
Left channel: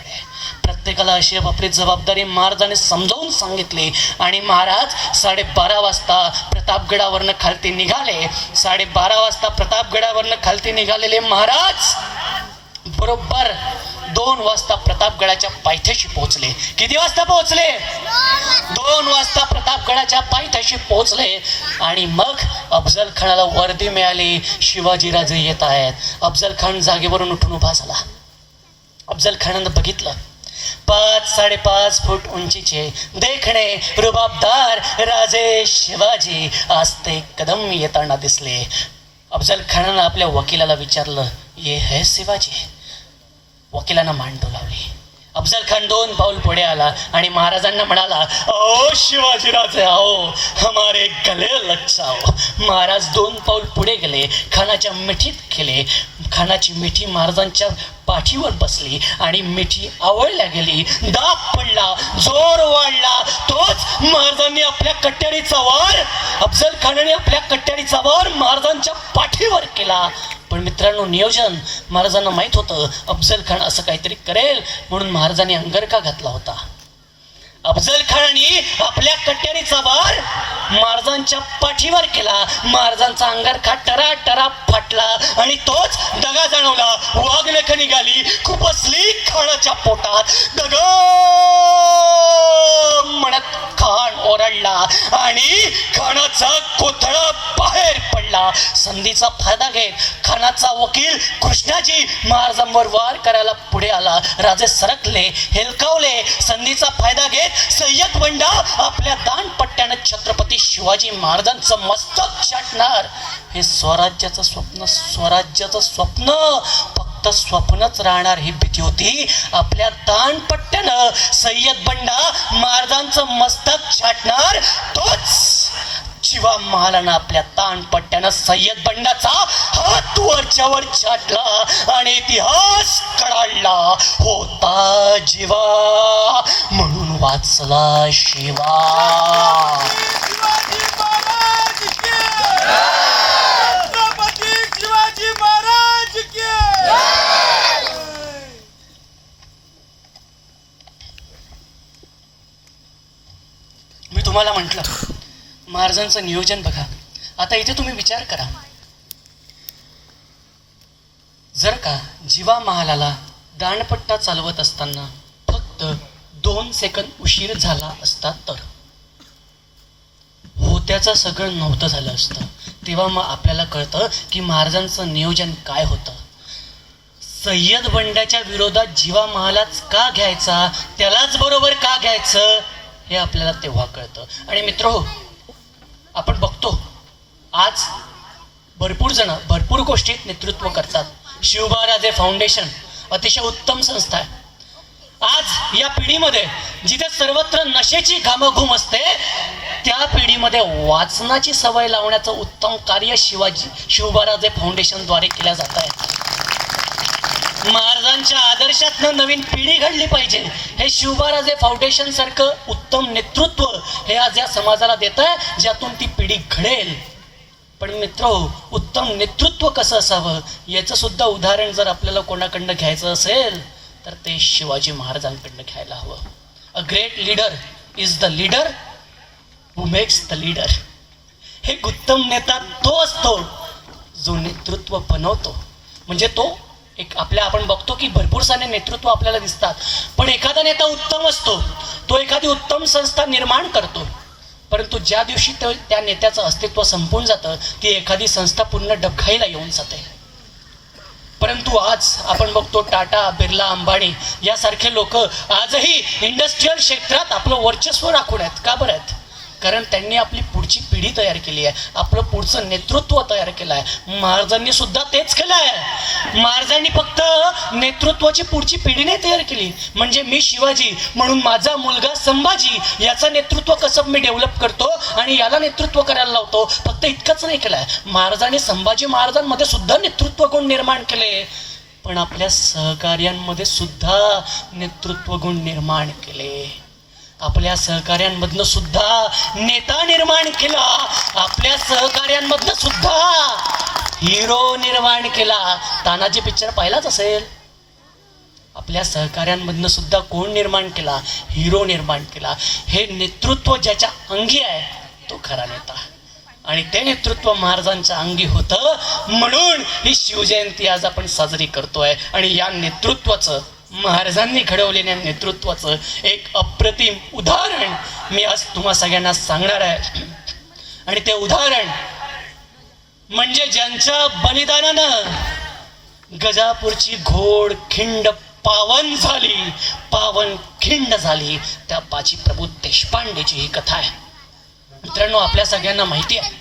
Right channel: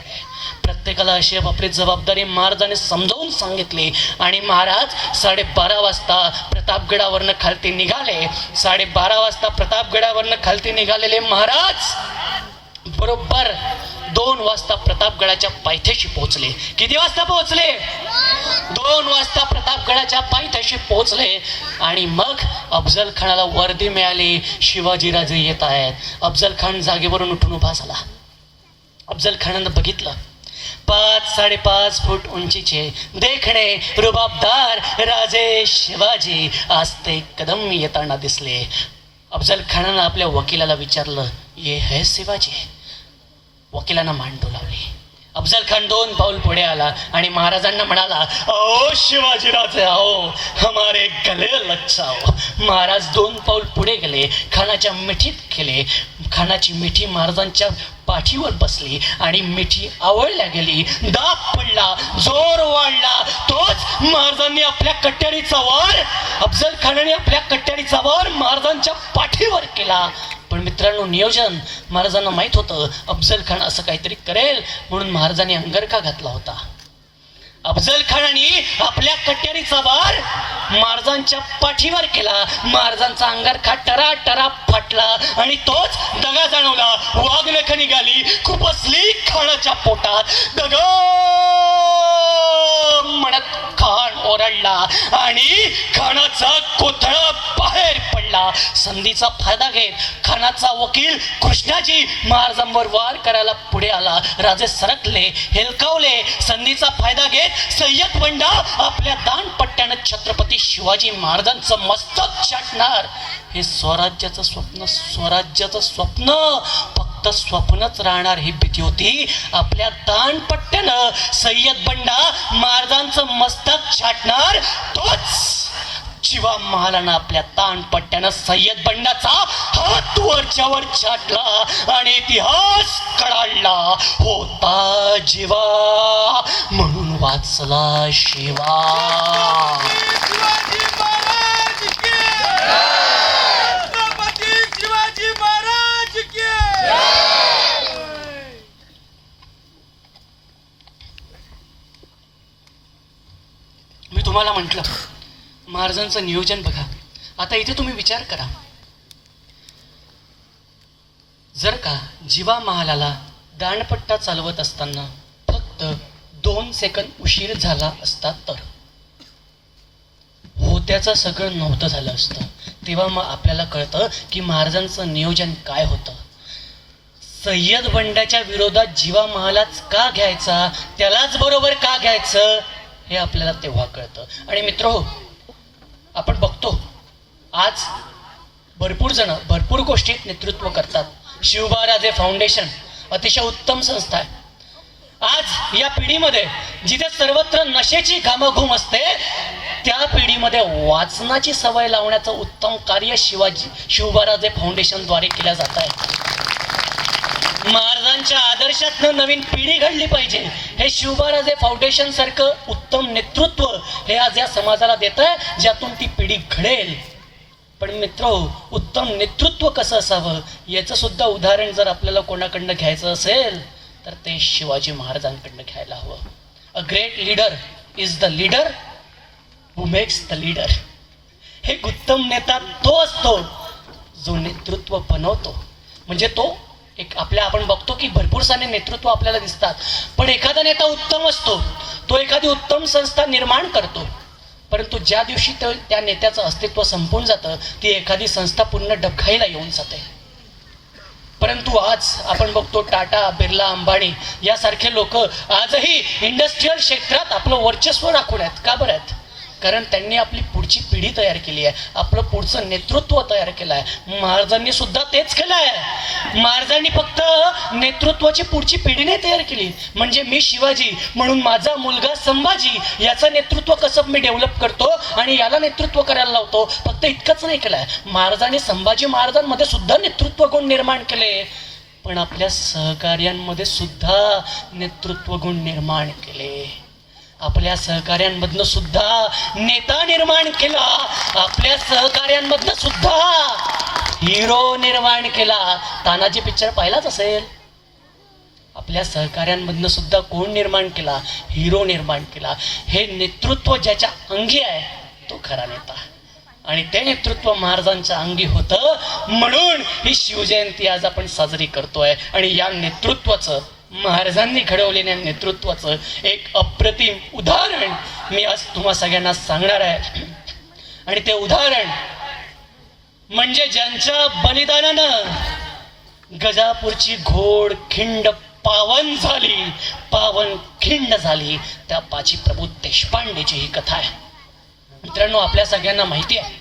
प्रत्येकाला अशी आपली जबाबदारी महाराजांनी समजावून सांगितली. आणि महाराज 12:30 वाजता प्रतापगडावरनं खालती निघाले. 12:30 वाजता प्रतापगडावरनं खालती निघालेले महाराज बरोबर 2 वाजता प्रतापगडाच्या पायथ्याशी पोहोचले. किती वाजता पोहोचले? 2 वाजता प्रतापगडाच्या पायथ्याशी पोहोचले. आणि मग अफजल खानाला वर्दी मिळाली, शिवाजीराजे येत आहेत. अफजल खान जागेवरून उठून उभा झाला. अफजल खानानं बघितलं, 5-5.5 फूट उंचीचे देखणे रुबाबदार राजे शिवाजी आस्ते कदम येताना दिसले. अफजल खानानं आपल्या वकिलाला विचारलं, ये है शिवाजी? वकिलानं मान डोलावली अफजल खान 2 पाऊल पुढे आला आणि महाराजांना म्हणाला, ओ शिवाजीराजे आओ, हमारे गले लग जाओ. महाराज 2 पाऊल पुढे गेले, खानाच्या मिठीत गेले. खानाची मिठी महाराजांच्या पाठीवर बसली आणि मिठी आवळल्या गेली. दाब पडला, जोर वाढला. तोच महाराजांनी आपल्या कट्यारीचा वार, अफजल खानाने आपल्या कट्यारीचा वार महाराजांच्या पाठीवर केला. पण मित्रांनो, नियोजन महाराजांना माहित होतं अफजल खान असं काहीतरी करेल, म्हणून महाराजांनी अंगरखा घातला होता. अफजल खानाने आपल्या कट्यारीचा वार महाराजांच्या पाठीवर केला. महाराजांचा अंगरखा टरा टरा फाटला आणि तोच दगा जाणवला. वाघनख निघाली, खुपसली खानाच्या पोटात. दगा म्हणत खान ओरडला आणि खानाचा कोथळा बाहेर पडला. संधीचा फायदा घेत खानाचा वकील कृष्णाजी महाराजांवर वार करायला पुढे आला. राजे सरकले, हेलकावले. संधीचा फायदा घेत सय्यद बंडा आपल्या दानपट्ट्यानं छत्रपती शिवाजी महाराजांचं मस्तक छाटणार. हे स्वराज्याचं स्वप्न फक्त स्वप्नच राहणार ही भीती होती. आपल्या दानपट्ट्यानं सय्यद बंडा महाराजांचं मस्तक छाटणार. तोच शिवा महालानं आपल्या ताणपट्ट्यानं सय्यद बंडाचा हात वरच्यावर छाटला आणि इतिहास कळाला. होता जीवा म्हणून वाचला शिवा. मी तुम्हाला म्हटलं महाराजांचं नियोजन बघा. आता इथे तुम्ही विचार करा, जर का जीवा महालाला दाणपट्टा चालवत असताना फक्त 2 सेकंद उशीर झाला असता तर होत्याचं सगळं नव्हतं झालं असतं. तेव्हा मग आपल्याला कळतं की महाराजांचं नियोजन काय होतं. सय्यद बंडाच्या विरोधात जीवा महालाच का घ्यायचा, त्यालाच बरोबर का घ्यायचं, हे आपल्याला तेव्हा कळतं. आणि मित्रहो, आपण बघतो आज भरपूर जण भरपूर गोष्टीत नेतृत्व करतात. शिवबाराजे फाउंडेशन अतिशय उत्तम संस्था आहे. आज या पिढीमध्ये जिथे सर्वत्र नशेची घामाघूम असते, त्या पिढीमध्ये वाचनाची सवय लावण्याचं उत्तम कार्य शिवबाराजे फाउंडेशनद्वारे केल्या जात आहे. महाराजांच्या आदर्शातनं नवीन पिढी घडली पाहिजे, हे शिवबाराजे फाउंडेशन सारखं उत्तम नेतृत्व हे आज या समाजाला देत आहे, ज्यातून ती पिढी घडेल. पण मित्र, उत्तम नेतृत्व कसं असावं याचं सुद्धा उदाहरण जर आपल्याला कोणाकडनं घ्यायचं असेल तर ते शिवाजी महाराजांकडनं घ्यायला हवं. A great leader is the leader who makes the leader. हे उत्तम नेता तो असतो जो नेतृत्व बनवतो. म्हणजे तो एक आपण बघतो की भरपूर सारे नेतृत्व आपल्याला दिसतात, पण एखादा नेता उत्तम असतो, तो एखादी उत्तम संस्था निर्माण करतो, परंतु ज्या दिवशी त्या नेत्याचं अस्तित्व संपून जातं, ती एखादी संस्था पूर्ण डबघाईला येऊन जाते. परंतु आज आपण बघतो टाटा, बिर्ला, अंबानी यासारखे लोक आजही इंडस्ट्रियल क्षेत्रात आपलं वर्चस्व राखून आहेत. का बरं आहेत? कारण त्यांनी आपली पुढची पिढी तयार केली आहे, आपलं पुढचं नेतृत्व तयार केलं आहे. महाराजांनी सुद्धा तेच केलं आहे. महाराजांनी फक्त नेतृत्वाची पुढची पिढी नाही तयार केली. म्हणजे मी शिवाजी म्हणून माझा मुलगा संभाजी याचं नेतृत्व कसं मी डेव्हलप करतो आणि याला नेतृत्व करायला लावतो, फक्त इतकंच नाही केलंय. महाराजांनी संभाजी महाराजांमध्ये सुद्धा नेतृत्व गुण निर्माण केले, पण आपल्या सहकार्यांमध्ये सुद्धा नेतृत्व गुण निर्माण केले. आपल्या सहकार्यांमधनं सुद्धा नेता निर्माण केला, आपल्या सहकार्यांमधनं सुद्धा हिरो निर्माण केला. तानाजी पिक्चर पाहिलाच असेल. आपल्या सहकार्यांमधनं सुद्धा कोण निर्माण केला? हिरो निर्माण केला. हे नेतृत्व ज्याच्या अंगी आहे तो खरा नेता, आणि ते नेतृत्व महाराजांच्या अंगी होतं, म्हणून ही शिवजयंती आज आपण साजरी करतोय. आणि या नेतृत्वाचं, महाराजांनी घडवलेल्या नेतृत्वाचं एक अप्रतिम उदाहरण मी आज तुम्हा सगळ्यांना सांगणार आहे. आणि ते उदाहरण म्हणजे ज्यांच्या बलिदानानं गजापूरची घोड खिंड पावन खिंड झाली, त्या बाजी प्रभू देशपांडेची ही कथा आहे. मित्रांनो, आपल्या सगळ्यांना माहिती आहे,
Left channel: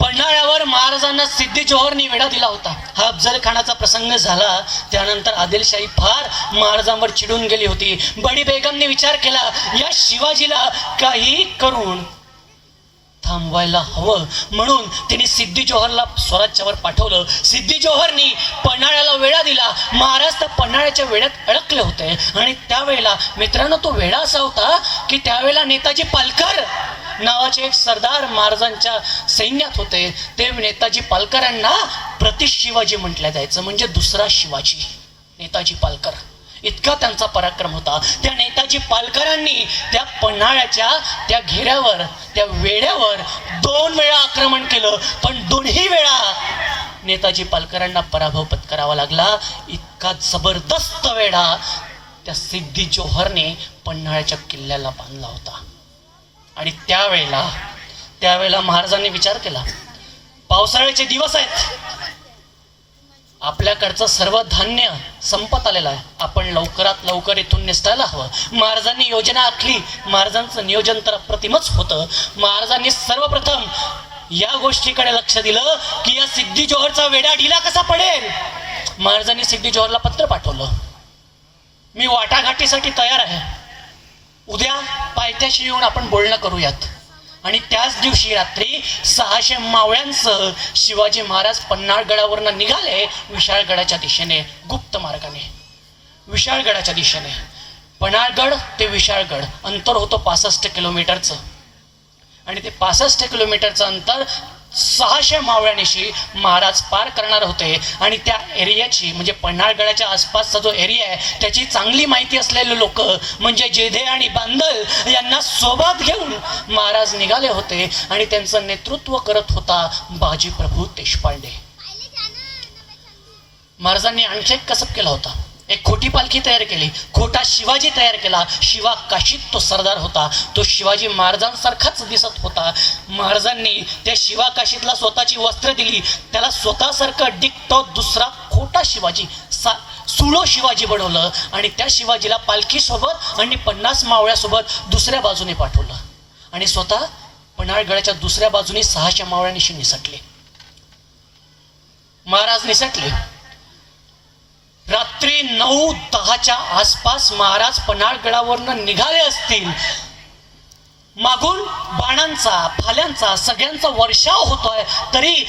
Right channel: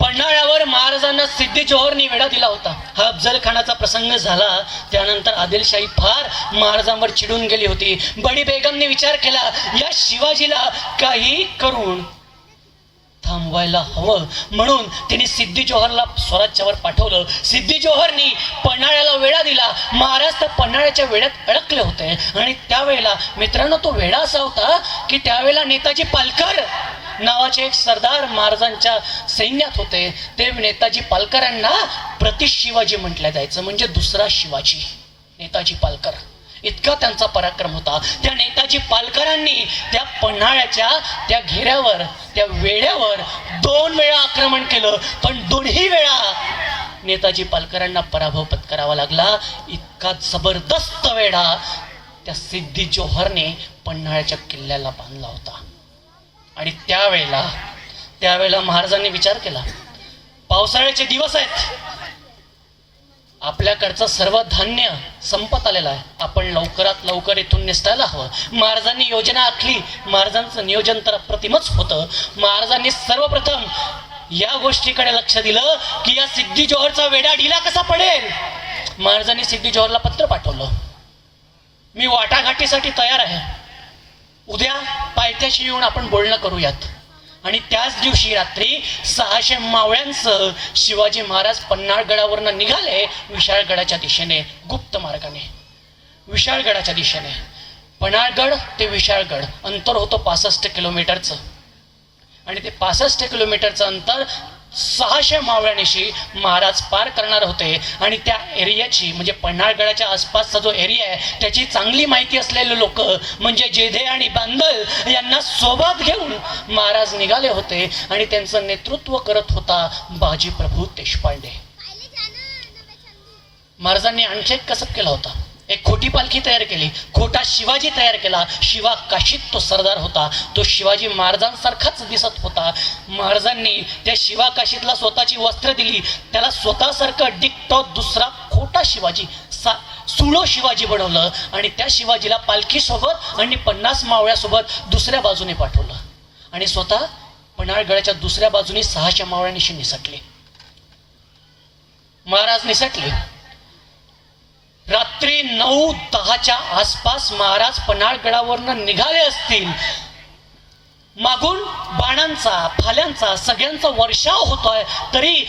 पन्हाळ्यावर महाराजांना सिद्धी जोहरने विडा दिला होता. हा अफजल खानाचा प्रसंग झाला त्यानंतर आदिलशाही फार महाराजांवर चिडून गेली होती. बडी बेगमने विचार केला या शिवाजीला काही करून थांबवायला हवं, म्हणून तिने सिद्धी जोहरला स्वराज्यावर पाठवलं. सिद्धी जोहरनी पन्हाळ्याला वेढा दिला. महाराज तर पन्हाळ्याच्या वेड्यात अडकले होते आणि त्यावेळेला मित्रांनो तो वेढा असा होता की त्यावेळेला नेताजी पालकर नावाचे एक सरदार महाराजांच्या सैन्यात होते. ते नेताजी पालकर यांना प्रति शिवाजी म्हटलं जायचं, म्हणजे दुसरा शिवाजी. नेताजी पालकर इतका त्यांचा पराक्रम होता. त्या नेताजी पालकरांनी त्या पन्हाळ्याच्या त्या घेऱ्यावर त्या वेड्यावर 2 वेळा आक्रमण केलं, पण दोन्ही वेळा नेताजी पालकरांना पराभव पत्करावा लागला. इतका जबरदस्त वेढा त्या सिद्धी जोहरने पन्हाळ्याच्या किल्ल्याला बांधला होता. आणि त्यावेळेला महाराजांनी विचार केला पावसाळ्याचे दिवस आहेत, आपल्याकडचं सर्व धान्य संपत आलेलं आहे, आपण लवकरात लवकर इथून निसटायला हवं. महाराजांनी योजना आखली. महाराजांचं नियोजन तर अप्रतिमच होतं. महाराजांनी सर्वप्रथम या गोष्टीकडे लक्ष दिलं की या सिद्धी जोहरचा वेढा ढिला कसा पडेल. महाराजांनी सिद्धी जोहरला पत्र पाठवलं, मी वाटाघाटीसाठी तयार आहे, उद्या पायथ्याशी येऊन आपण बोलणं करूयात. आणि त्याच दिवशी रात्री 600 मावळ्यांसह शिवाजी महाराज पन्हाळगडावरनं निघाले विशाळगडाच्या दिशेने, गुप्त मार्गाने विशाळगडाच्या दिशेने. पन्हाळगड ते विशाळगड अंतर होतं 65 किलोमीटरचं. आणि ते 65 किलोमीटरचं अंतर 600 मावळ्यानिशी महाराज पार करणार होते. आणि त्या एरियाची म्हणजे पन्हाळगडाच्या आसपासचा जो एरिया आहे त्याची चांगली माहिती असलेले लोक म्हणजे जेधे आणि बांदल यांना सोबत घेऊन महाराज निघाले होते. आणि त्यांचं नेतृत्व करत होता बाजीप्रभू देशपांडे. महाराजांनी आणखी एक कसब केला होता, एक खोटी पालखी तयार केली, खोटा शिवाजी तयार केला. शिवा काशीत तो सरदार होता, तो शिवाजी महाराजांसारखाच दिसत होता. महाराजांनी त्या शिवा काशीतला स्वतःची वस्त्र दिली, त्याला स्वतःसारखं डिक्टो दुसरा खोटा शिवाजी सुळो शिवाजी बनवलं. आणि त्या शिवाजीला पालखीसोबत आणि 50 मावळ्यासोबत दुसऱ्या बाजूने पाठवलं. आणि स्वतः पन्हाळगडाच्या दुसऱ्या बाजूने 600 मावळ्यानिशी निसटले. महाराज निसटले. रात्री 9-10च्या आसपास महाराज पन्हाळगडावरनं निघाले असतील. मागून बाणांचा फाल्यांचा सगळ्यांचा वर्षाव होतोय, तरी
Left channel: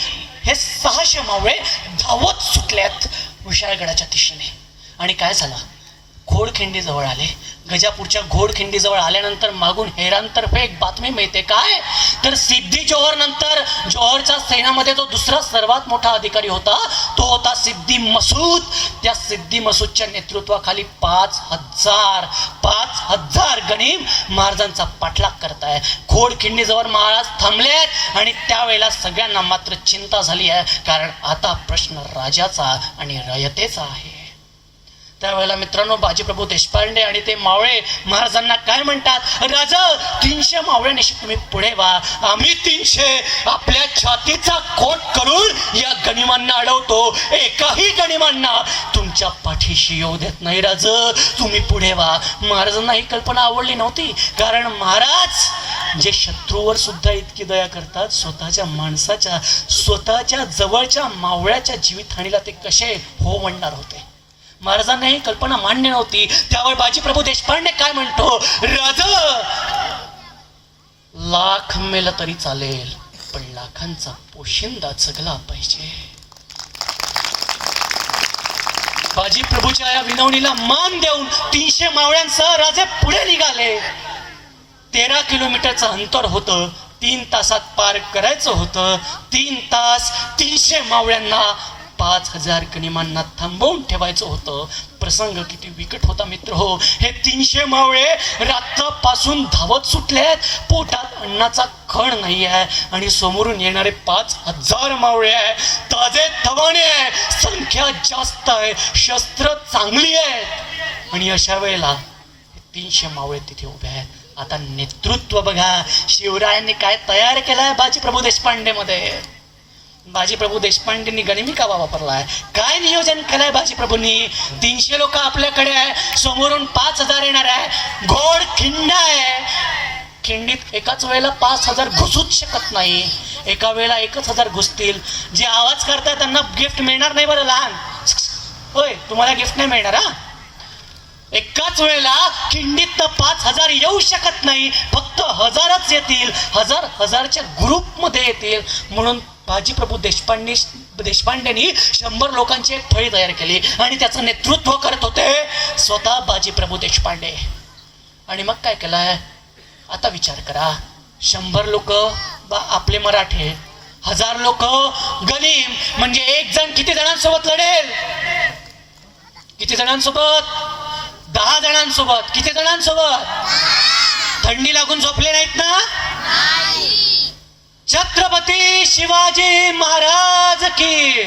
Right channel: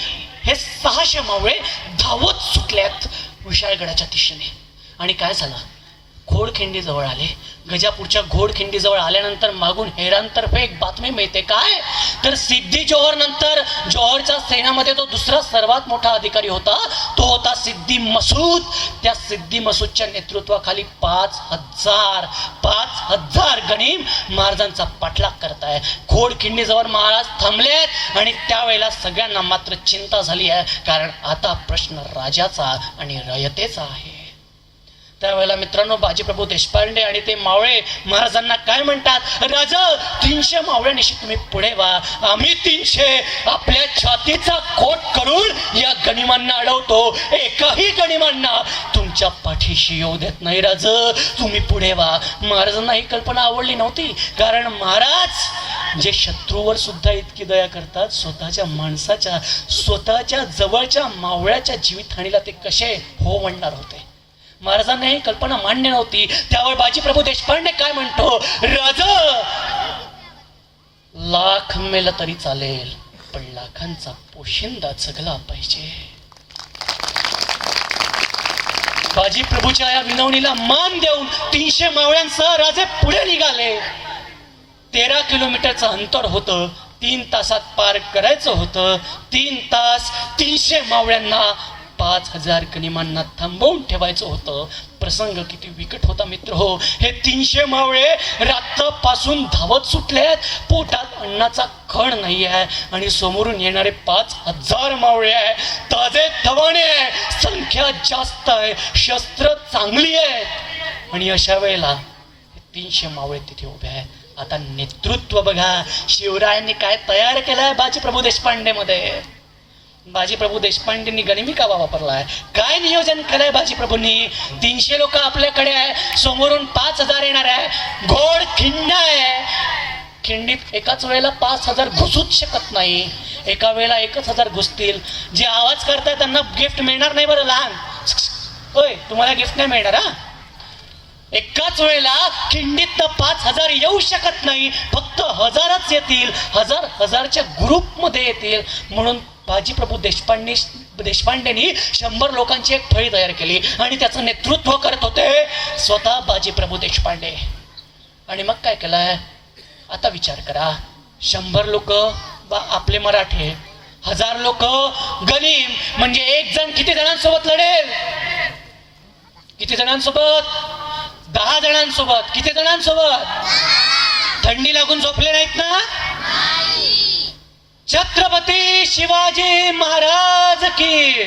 हे 600 मावळे धावत सुटल्यात विशाळगडाच्या दिशेने. आणि काय झालं, घोडखिंडी जवळ आले. गजापूरच्या घोडखिंडी जवळ आल्यानंतर मागून हेरांतर्फे एक बातमी मिळते. काय तर सिद्धी जोहर नंतर जोहरच्या सैन्यामध्ये जो दुसरा सर्वात मोठा अधिकारी होता तो होता सिद्धी मसूद. त्या सिद्धी मसूदच्या नेतृत्वाखाली 5000 गणिम महाराजांचा पाठलाग करताय. घोडखिंडी जवळ महाराज थांबलेत. आणि त्यावेळेला सगळ्यांना मात्र चिंता झाली आहे, कारण आता प्रश्न राजाचा आणि रयतेचा आहे. त्यावेळेला मित्रांनो बाजीप्रभू देशपांडे आणि ते मावळे महाराजांना काय म्हणतात, राजा 300 मावळ्यानिशी तुम्ही पुढे व्हा, आम्ही 300 आपल्या छातीचा खोट करून या गनिमांना अडवतो, एकाही गनिमांना तुमच्या पाठीशी येऊ देत नाही. राज तुम्ही पुढे व्हा. महाराजांना ही कल्पना आवडली नव्हती, कारण महाराज जे शत्रूवर सुद्धा इतकी दया करतात, स्वतःच्या माणसाच्या स्वतःच्या जवळच्या मावळ्याच्या जीवितहानीला ते कसे हो म्हणणार होते. महाराजांना ही कल्पना मान्य नव्हती. त्यावर बाजीप्रभू देशपांडे काय म्हणतो, राजा लाख मेलं तरी चालेल, पण लाखांचा पोशिंदा जगला पाहिजे. बाजीप्रभूच्या या विनवणीला मान देऊन 300 मावळ्यांसह राजे पुढे निघाले. 13 किलोमीटरचं अंतर होतं, 3 तासात पार करायचं होतं. 3 तास 300 मावळ्यांना 5000 गनिमांना थांबवून ठेवायचं होतं. प्रसंग किती विकट होता मित्र हो. हे 300 मावळे रात्रपासून धावत सुटलेत, पोटात अन्नाचा कण नाही आहे. आणि समोरून येणारे 5000 मावळे आहे, ताजे तवाने आहे, संख्या जास्त आहे, शस्त्र चांगली आहेत. आणि अशा वेळेला 300 मावळे तिथे उभे आहेत. आता नेतृत्व बघा शिवरायांनी काय तयार केलंय बाजीप्रभू देशपांडे मध्ये. बाजीप्रभू देशपांडेंनी गनिमिका वापरलाय. काय नियोजन केलंय बाजीप्रभूंनी. 300 लोक आपल्याकडे आहे, समोरून 5000 येणार आहे, घोड खिंड आहे, खिंडीत एकाच वेळेला 5000 घुसूच शकत नाही. एका वेळेला 1,000 घुसतील. जे आवाज करतात त्यांना गिफ्ट मिळणार नाही बरं. लहान होय, तुम्हाला गिफ्ट नाही मिळणार हा. एकाच वेळेला खिंडीत 5,000 येऊ शकत नाही, फक्त 1000च येतील. 1000च्या ग्रुपमध्ये येतील. म्हणून बाजीप्रभू देशपांडेंनी 100 लोकांची एक फळी तयार केली आणि त्याचं नेतृत्व करत होते स्वतः बाजीप्रभू देशपांडे. आणि मग काय केलंय आता विचार करा. 100 लोक आपले मराठी, 1000 लोक गलीम, म्हणजे एक जण किती जणांसोबत लढेल? किती जणांसोबत? 10 जणांसोबत. किती जणांसोबत? थंडी लागून झोपले नाहीत ना? छत्रपती शिवाजी महाराज की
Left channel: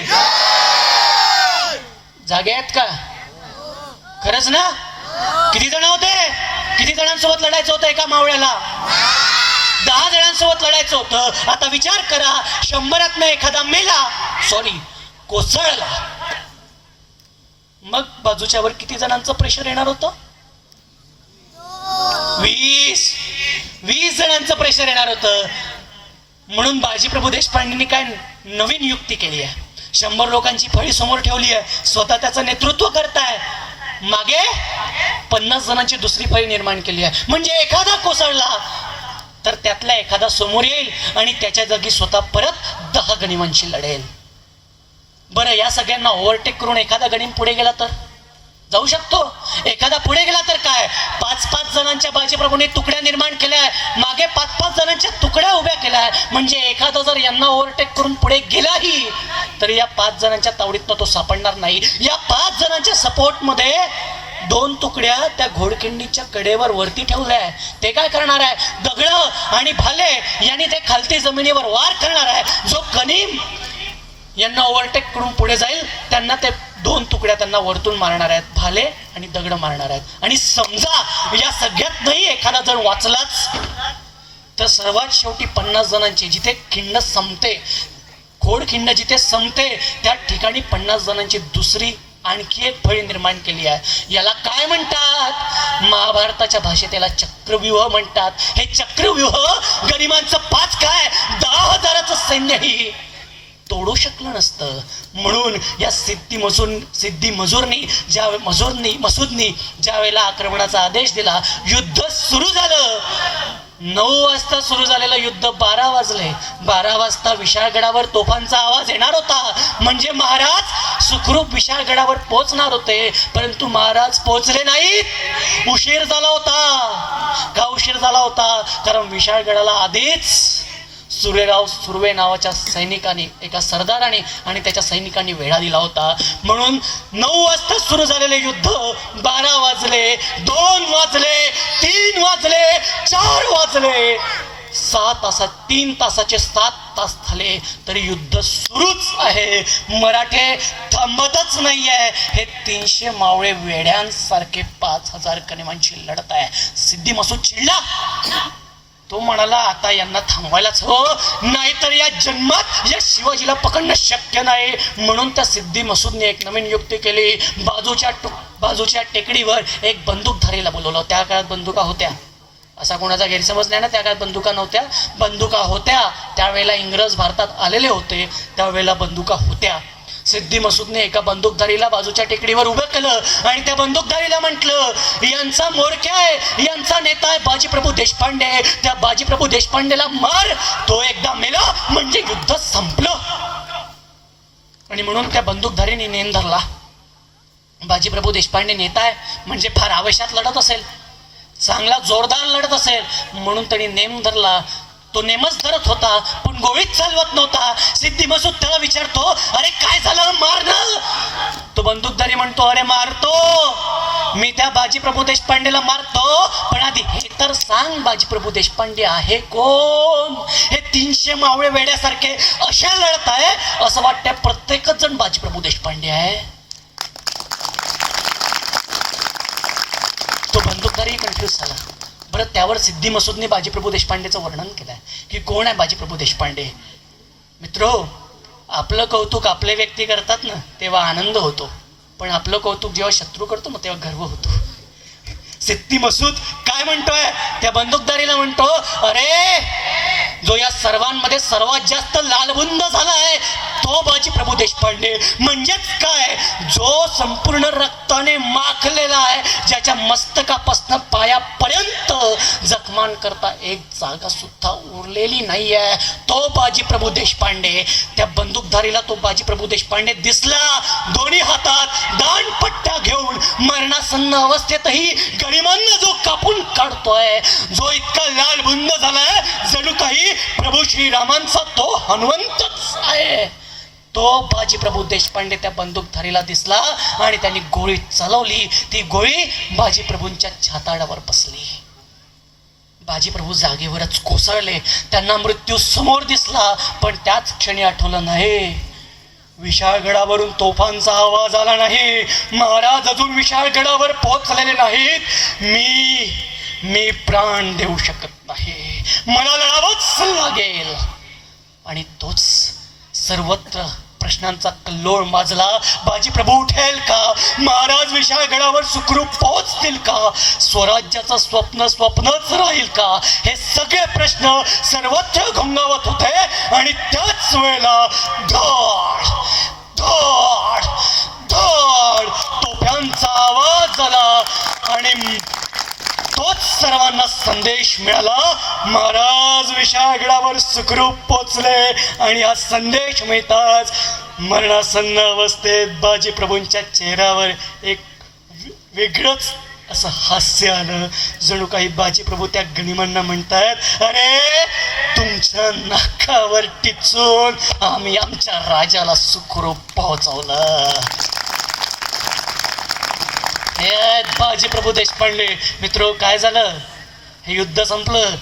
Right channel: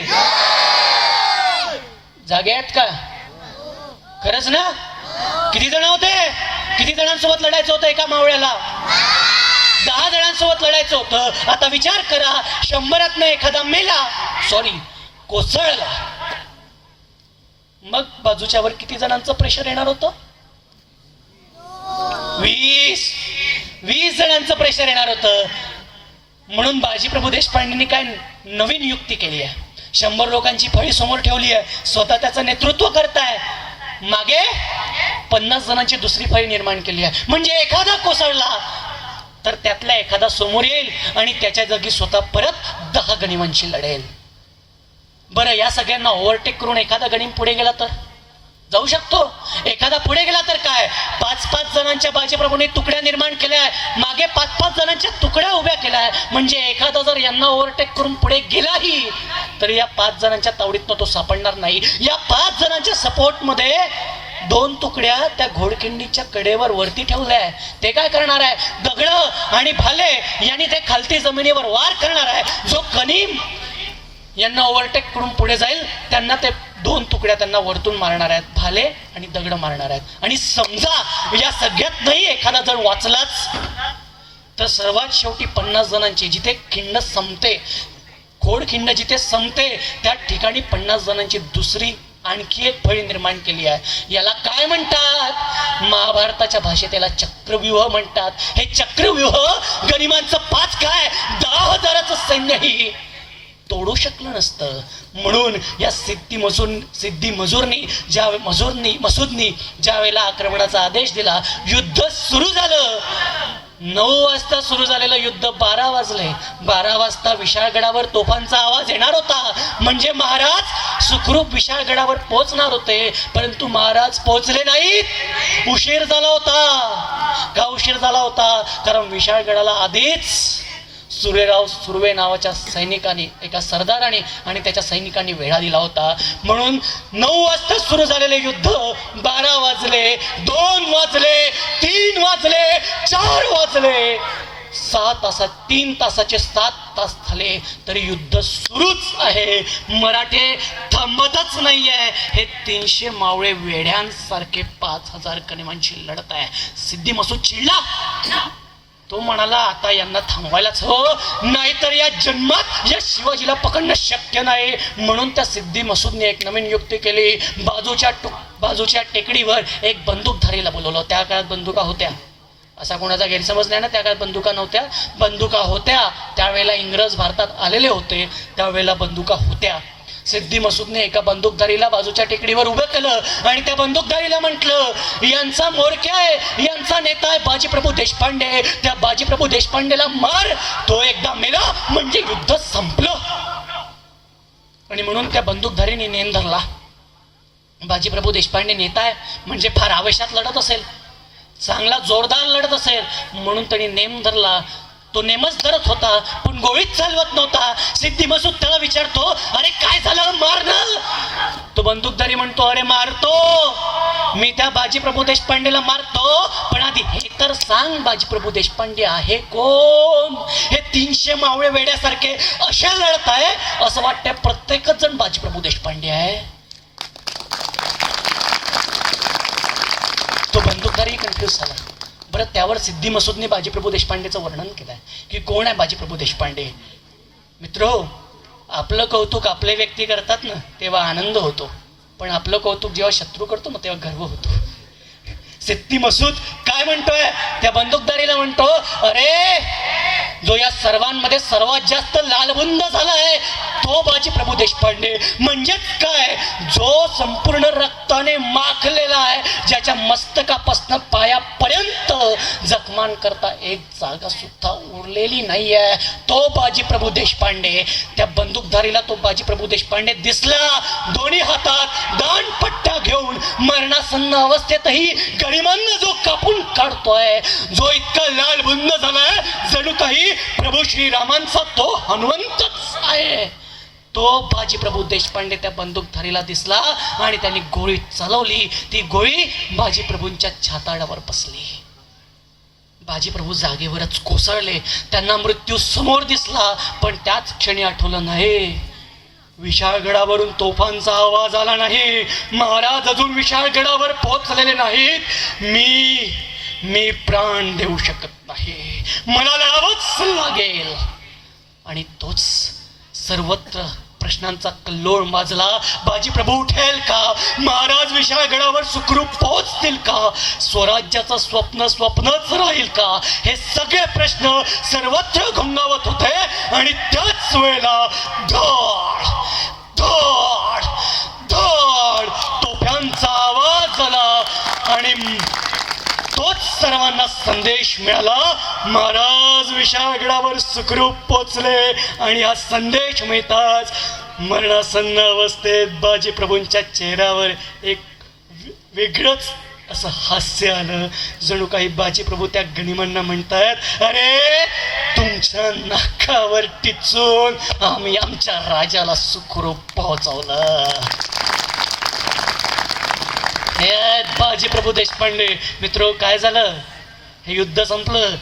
जागे आहेत का? खरंच ना? किती जण होते? किती जणांसोबत लढायचं होतं एका मावळ्याला? 10 जणांसोबत लढायचं होतं. आता विचार करा, 100तनं एखादा मेला, सॉरी कोसळला, मग बाजूच्यावर किती जणांचं प्रेशर येणार होतं? 20 जणांचं प्रेशर येणार होतं. म्हणून बाजीप्रभू देशपांडेंनी काय नवीन युक्ती केली आहे. 100 लोकांची फळी समोर ठेवली आहे, स्वतः त्याचं नेतृत्व करताय. मागे 50 जणांची दुसरी फळी निर्माण केली आहे. म्हणजे एखादा कोसळला तर त्यातला एखादा समोर येईल आणि त्याच्या जागी स्वतः परत 10 गनिमांशी लढेल. बरं, या सगळ्यांना ओव्हरटेक करून एखादा गणिम पुढे गेला तर जाऊ शकतो. एखादा पुढे गेला तर काय? 5-5 जणांच्या बाजीप्रभूंनी तुकड्या निर्माण केल्या, मागे 5-5 जणांच्या तुकड्या उभ्या केल्या. म्हणजे एखादा जर यांना ओव्हरटेक करून पुढे गेलाही तर या 5 जणांच्या तावडीतनं तो सापडणार नाही. या 5 जणांच्या सपोर्ट मध्ये 2 तुकड्या त्या घोडखिंडीच्या कडेवर वरती ठेवल्या. ते काय करणार आहे? दगड आणि भाले यांनी ते खालती जमिनीवर वार करणार आहे. जो गनिम यांना ओव्हरटेक करून पुढे जाईल त्यांना ते 2 तुकड्या त्यांना वरतून मारणार आहेत, भाले आणि दगड मारणार आहेत. आणि समजा या सगळ्यात नाही एखादा जण वाचलाच तर सर्वात शेवटी 50 जणांची जिथे खिंड संपते, खोडखिंड जिथे संपते, त्या ठिकाणी 50 जणांची दुसरी आणखी एक फळी निर्माण केली आहे. याला काय म्हणतात? महाभारताच्या भाषेत याला चक्रव्यूह म्हणतात. हे चक्रव्यूह गनिमांचं 5 काय 10,000चं सैन्यही तोडू शकलं नसतं. म्हणून या मसूदनी ज्या वेळेला आक्रमणाचा आदेश दिला, युद्ध सुरू झालं. 9 वाजता सुरू झालेलं युद्ध 12 वाजले. 12 वाजता विशाळगडावर तोफांचा आवाज येणार होता. म्हणजे महाराज सुखरूप विशाळगडावर पोहोचणार होते, परंतु महाराज पोहोचले नाहीत. उशीर झाला होता. का उशीर झाला होता? कारण विशाळगडाला आधीच सुरेराव सुर्वे नावाच्या सैनिकांनी, एका सरदाराने आणि त्याच्या सैनिकांनी वेढा दिला होता. म्हणून 9 वाजता सुरू झालेले युद्ध 12 वाजले, 2 वाजले, 3 वाजले, 4 वाजले, 6 तासात 3 तासाचे 7 तास झाले तरी युद्ध सुरूच आहे. मराठे थांबतच नाहीये. हे 300 मावळे वेड्यांसारखे 5,000 गनिमांची लढत आहे. सिद्धी मसूद चिडला. तो म्हणाला आता यांना थांबवायलाच हो, नाहीतर या जन्मात या शिवाजीला पकडणं शक्य नाही. म्हणून त्या सिद्धी मसूदने एक नवीन युक्ती केली. बाजूच्या टेकडीवर एक बंदूकधारीला बोलवलं. त्या काळात बंदुका होत्या, असा कोणाचा गैरसमज नाही ना. त्या काळात बंदुका नव्हत्या, बंदुका होत्या. त्यावेळेला इंग्रज भारतात आलेले होते, त्यावेळेला बंदुका होत्या. सिद्धी मसूदने एका बंदूकधारीला बाजूच्या टेकडीवर उभं केलं आणि त्या बंदूकधारीला म्हटलं, यांचा मोरक्या आहे, यांचा नेता आहे बाजीप्रभू देशपांडे. त्या बाजीप्रभू देशपांडेला मार. तो एकदा मेला म्हणजे युद्ध संपलं. आणि म्हणून त्या बंदूकधारीने नेम धरला. बाजीप्रभू देशपांडे नेता आहे म्हणजे फार आवेशात लढत असेल, चांगला जोरदार लढत असेल, म्हणून त्यांनी नेम धरला. तो नेमच धरत होता पण गोळीच चालवत नव्हता. सिद्धी मसूद त्याला विचारतो, अरे काय झालं, मार ना. तो बंदूकधारी म्हणतो, अरे मारतो मी, त्या बाजीप्रभू देशपांडेला मारतो, पण आधी हे तर सांग बाजीप्रभू देशपांडे आहे कोण? हे 300 मावळे वेड्यासारखे असे लढत आहे, असं वाटतंय प्रत्येकच जण बाजीप्रभू देशपांडे आहे. तो बंदूकधारी कन्फ्युज झाला. बरं, त्यावर सिद्धी मसूदने बाजीप्रभू देशपांडेचं वर्णन केलंय की कोण आहे बाजीप्रभू देशपांडे. मित्रो, आपलं कौतुक आपले व्यक्ती करतात ना तेव्हा आनंद होतो, पण आपलं कौतुक जेव्हा शत्रू करतो ना तेव्हा गर्व होतो. सिद्धी मसूद काय म्हणतोय? त्या बंदूकधारीला म्हणतो, अरे जो या सर्वांमध्ये सर्वात जास्त लालबुंद झालाय तो बाजी प्रभू देशपांडे. म्हणजेच काय, जो संपूर्ण रक्ताने माखलेला आहे, ज्याच्या मस्तकापासून पायापर्यंत जखमान करता एक जागा सुद्धा उरलेली नाहीये, तो बाजी प्रभू देशपांडे. त्या बंदूकधारीला तो बाजी प्रभू देशपांडे दिसला, दोन्ही हातात दानपट्टा घेऊन मरणासन्न अवस्थेतही गरिमांना जो कापून काढतोय, जो इतका लालबुंद झालाय जणू काही प्रभू श्रीरामांचा तो हनुमंतच आहे. तो बाजी प्रभू देशपांडे त्या बंदूकधारीला दिसला आणि त्यांनी गोळी चालवली. ती गोळी बाजी प्रभूंच्या छाताडावर बसली. बाजी प्रभू जागेवरच कोसळले. त्यांना मृत्यू समोर दिसला, पण त्याच क्षणी आठवलं नाही, विशाळगडावरून तोफांचा आवाज आला नाही, महाराज अजून विशाळगडावर पोहोचलेले नाहीत, मी प्राण देऊ शकत नाही, मला लढावंच लागेल. आणि तोच सर्वत्र प्रश्नांचा कल्लोळ माजला. बाजी प्रभू उठेल का, महाराज विशाळगडावर सुखरूप पोहोचतील का, स्वराज्याचं स्वप्न स्वप्नच राहील का, हे सगळे प्रश्न सर्वत्र घोंगावत होते. आणि त्याच वेळेला धड धड धड तोफ्यांचा आवाज झाला आणि तोच सर्वांना संदेश मिळाला, महाराज विशाळगडावर सुखरूप पोचले. आणि हा संदेश मिळताच मरणासन्न अवस्थेत बाजी प्रभूंच्या चेहऱ्यावर एक वेगळंच असं हास्य आलं. जणू काही बाजी प्रभू त्या गनिमांना म्हणतायत, अरे तुमच्या नाकावर टिचून आम्ही आमच्या राजाला सुखरूप पोहोचवलं. हे बाजी प्रभू देशपांडे. मित्र, काय झालं, हे युद्ध संपलं.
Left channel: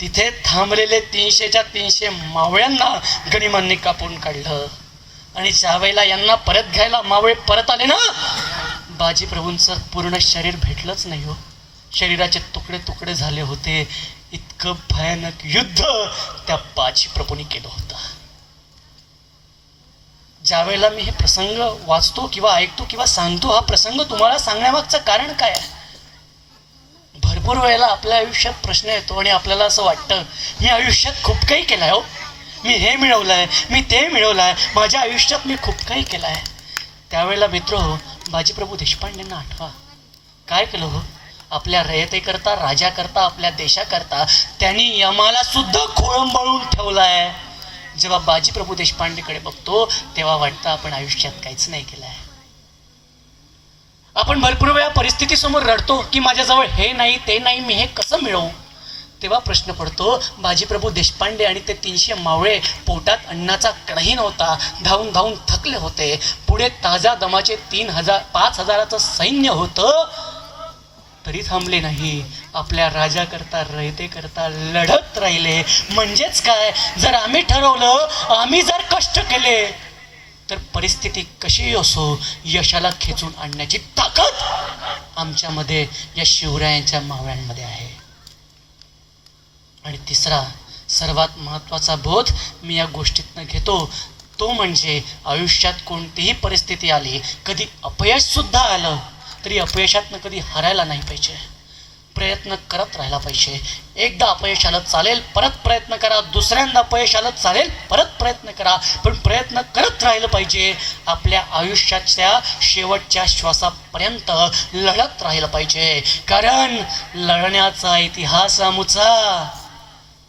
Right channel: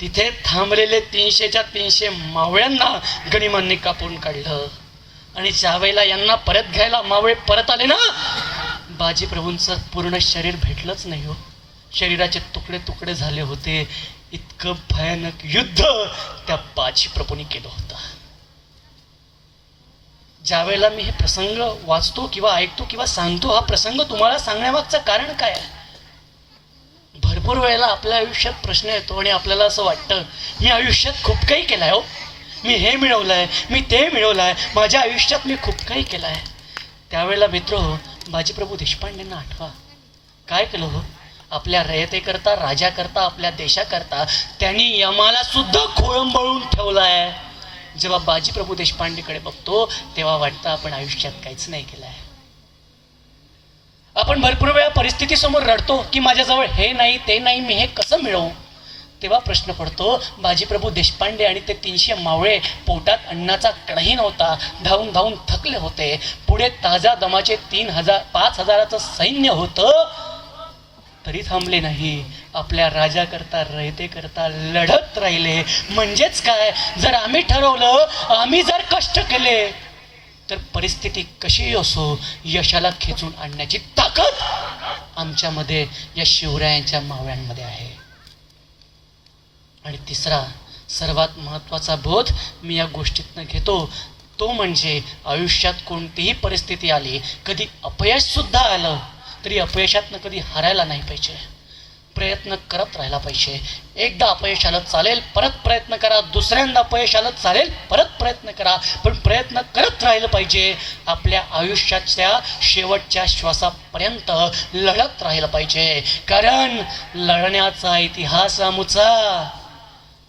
तिथे थांबलेले 300च्या 300 मावळ्यांना गनिमांनी कापून काढलं. आणि ज्यावेळेला यांना परत घ्यायला मावळे परत आले ना, बाजी प्रभूंचं पूर्ण शरीर भेटलंच नाही हो, शरीराचे तुकडे तुकडे झाले होते. इतकं भयानक युद्ध त्या बाजी प्रभूंनी केलं होतं. ज्या वेळेला मी हे प्रसंग वाचतो किंवा ऐकतो किंवा सांगतो, हा प्रसंग तुम्हाला सांगण्यामागचं कारण काय आहे? भरपूर वेळेला आपल्या आयुष्यात प्रश्न येतो आणि आपल्याला असं वाटतं, मी आयुष्यात खूप काही केलंय हो, मी हे मिळवलंय, मी ते मिळवलंय, माझ्या आयुष्यात मी खूप काही केलंय. त्यावेळेला मित्र बाजी प्रभू देशपांडेंना आठवा, काय केलं हो, आपल्या रयतेकरता, राजाकरता, आपल्या देशाकरता त्यांनी यमाला सुद्धा खोळंबळून ठेवलाय. जेव्हा बाजी प्रभू देशपांडेकडे बघतो तेव्हा वाटतं आपण आयुष्यात काहीच नाही केलंय. आपण भरपूर वेळा परिस्थितीसमोर रडतो की माझ्याजवळ हे नाही ते नाही, मी हे कसं मिळवू. तेव्हा प्रश्न पडतो, बाजी प्रभू देशपांडे आणि ते 300 मावळे, पोटात अन्नाचा कढई नव्हता, धावून धावून थकले होते, पुढे ताजा दमाचे 5,000चं सैन्य होतं, तरी थांबले नाही, आपल्या राजाकरता, रयतेकरता लढत राहिले. म्हणजेच काय, जर आम्ही ठरवलं, आम्ही जर कष्ट केले, तर परिस्थिती कशी असो यशाला खेचून आणण्याची ताकद आमच्यामध्ये, या शिवरायांच्या मावळ्यांमध्ये आहे. आणि तिसरा सर्वात महत्त्वाचा बोध मी या गोष्टीतनं घेतो, तो म्हणजे आयुष्यात कोणतीही परिस्थिती आली, कधी अपयश सुद्धा आलं तरी अपयशातनं कधी हरायला नाही पाहिजे, प्रयत्न करत राहायला पाहिजे. एकदा अपयश आलं चालेल, परत प्रयत्न करा, दुसऱ्यांदा अपयश आलं चालेल, परत प्रयत्न करा, पण प्रयत्न करत राहिलं पाहिजे. आपल्या आयुष्याच्या शेवटच्या श्वासापर्यंत लढत राहिलं पाहिजे, कारण लढण्याचा इतिहास आमचा,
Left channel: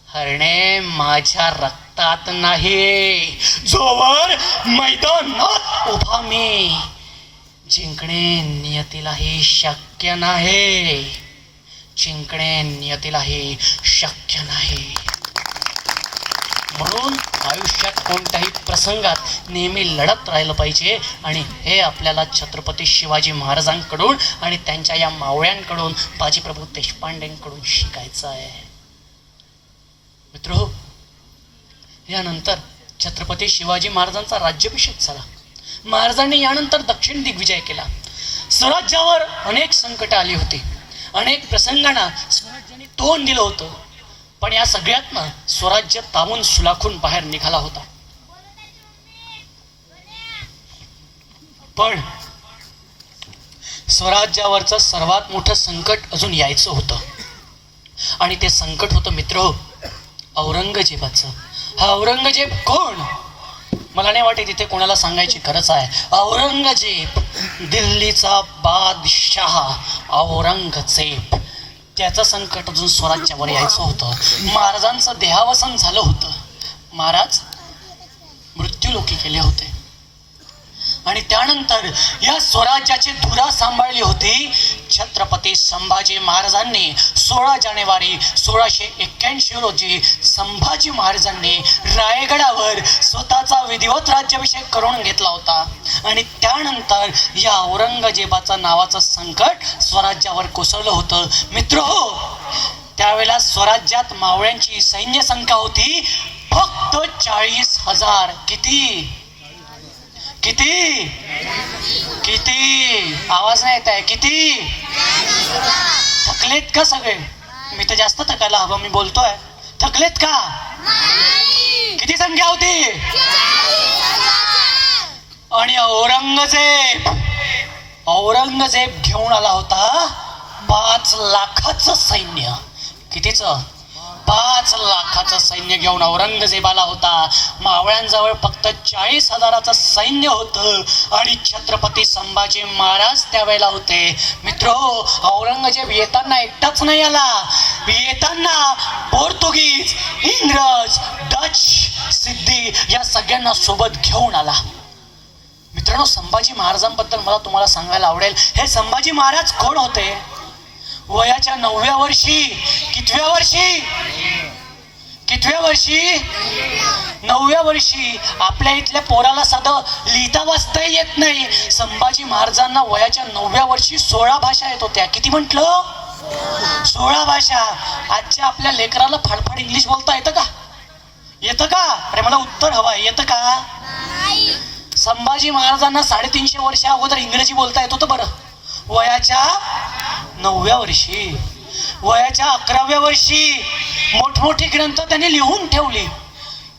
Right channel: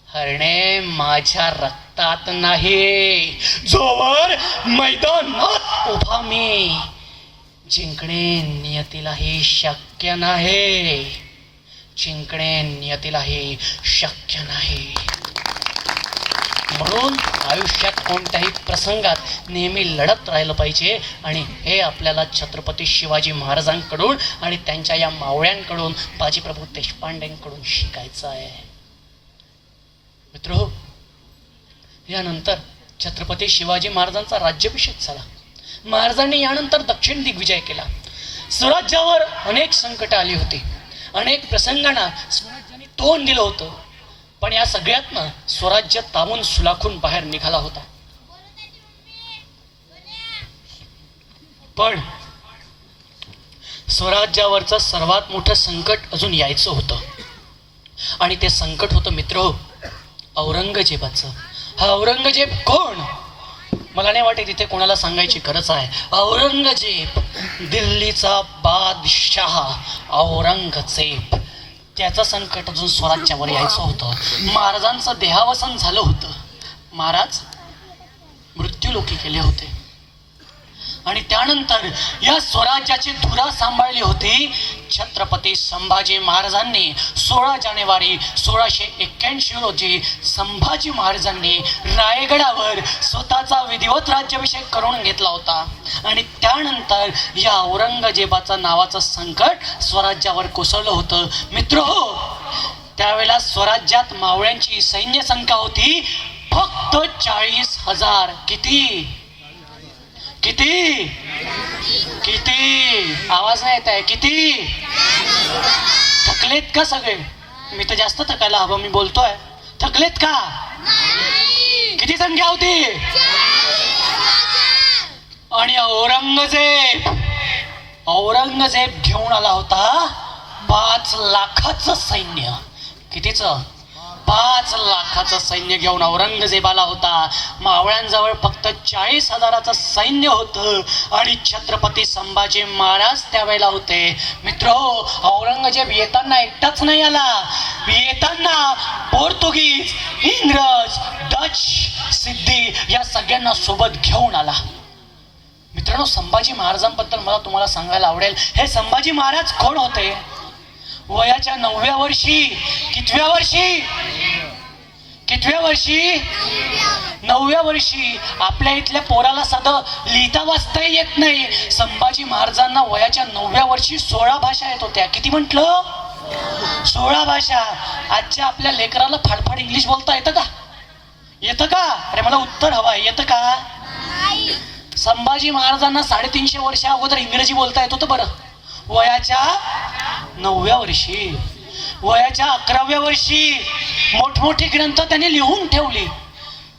हरणे माझ्या रक्तात नाही. जोवर मैदानात उभा मी, जिंकणे नियतीलाही शक्य नाही, जिंकणे नियतीलाही शक्य नाही. म्हणून आयुष्यात कोणत्याही प्रसंगात नेहमी लढत राहिलं पाहिजे. आणि हे आपल्याला छत्रपती शिवाजी महाराजांकडून आणि त्यांच्या या मावळ्यांकडून, बाजी प्रभू देशपांडेंकडून शिकायचं आहे. मित्र, यानंतर छत्रपती शिवाजी महाराजांचा राज्याभिषेक झाला. महाराजांनी यानंतर दक्षिण दिग्विजय केला. स्वराज्यावर अनेक संकट आली होती, अनेक प्रसंगांना स्वराज्याने तोंड दिलं होतं, पण या सगळ्यातनं स्वराज्य तावून सुलाखून बाहेर निघाला होता. पण स्वराज्यावरचं सर्वात मोठं संकट अजून यायचं होतं, आणि ते संकट होतं मित्र औरंगजेबाचं. हा औरंगजेब कोण? मला नाही वाटत इथे कोणाला सांगायची गरज आहे. औरंगजेब, दिल्लीचा बादशाह औरंगजेब. त्याचं संकट अजून स्वराज्यावर यायचं होतं. महाराजांचं देहावसन झालं होतं. महाराज मृत्यूलोकी गेले होते आणि त्यानंतर या स्वराज्याची धुरा सांभाळली होती छत्रपती संभाजी महाराजांनी. 16 जानेवारी 1681 रोजी संभाजी महाराजांनी रायगडावर स्वतःचा विधिवत राज्याभिषेक करून घेतला होता. आणि त्यानंतर या औरंगजेबाचं नावाचं संकट स्वराज्यावर कोसळलं होतं. मित्रहो, त्यावेळेला स्वराज्यात मावळ्यांची सैन्य संख्या होती फक्त 40,000. किती किती किती? आवाज नाही येत आहे. किती? थकलेत का सगळे? मी तर जास्त थकायला हवं, मी बोलतोय. थकलेत का? किती संख्या होती? आणि औरंगजेब घेऊन आला होता 5 लाखाचं सैन्य. कितीचं? 5 लाखाचं सैन्य घेऊन औरंगजेब आला होता. मावळ्यांजवळ फक्त 40,000चं सैन्य होतं आणि छत्रपती संभाजी महाराज त्यावेळेला होते. मित्र, औरंगजेब येताना एकटाच नाही आला. येताना पोर्तुगीज, इंग्रज, डच, सिद्धी या सगळ्यांना सोबत घेऊन आला. मित्रांनो, संभाजी महाराजांबद्दल मला तुम्हाला सांगायला आवडेल. हे संभाजी महाराज कोण होते? वयाच्या 9व्या वर्षी, कितव्या वर्षी? 9व्या वर्षी आपल्या इथल्या पोराला साधं लिहिता वाचता येत नाही. संभाजी महाराजांना वयाच्या 9व्या वर्षी 16 भाषा येत होत्या. किती म्हटलं? 16 भाषा. आजच्या आपल्या लेकराला फाडफाड इंग्लिश बोलता येतं का? येतं का? अरे मला उत्तर हवं आहे. येतं का? संभाजी महाराजांना 350 वर्षा अगोदर इंग्रजी बोलता येत होतं. बरं, वयाच्या 9व्या वर्षी, वयाच्या 11व्या वर्षी मोठमोठी ग्रंथ त्याने लिहून ठेवली.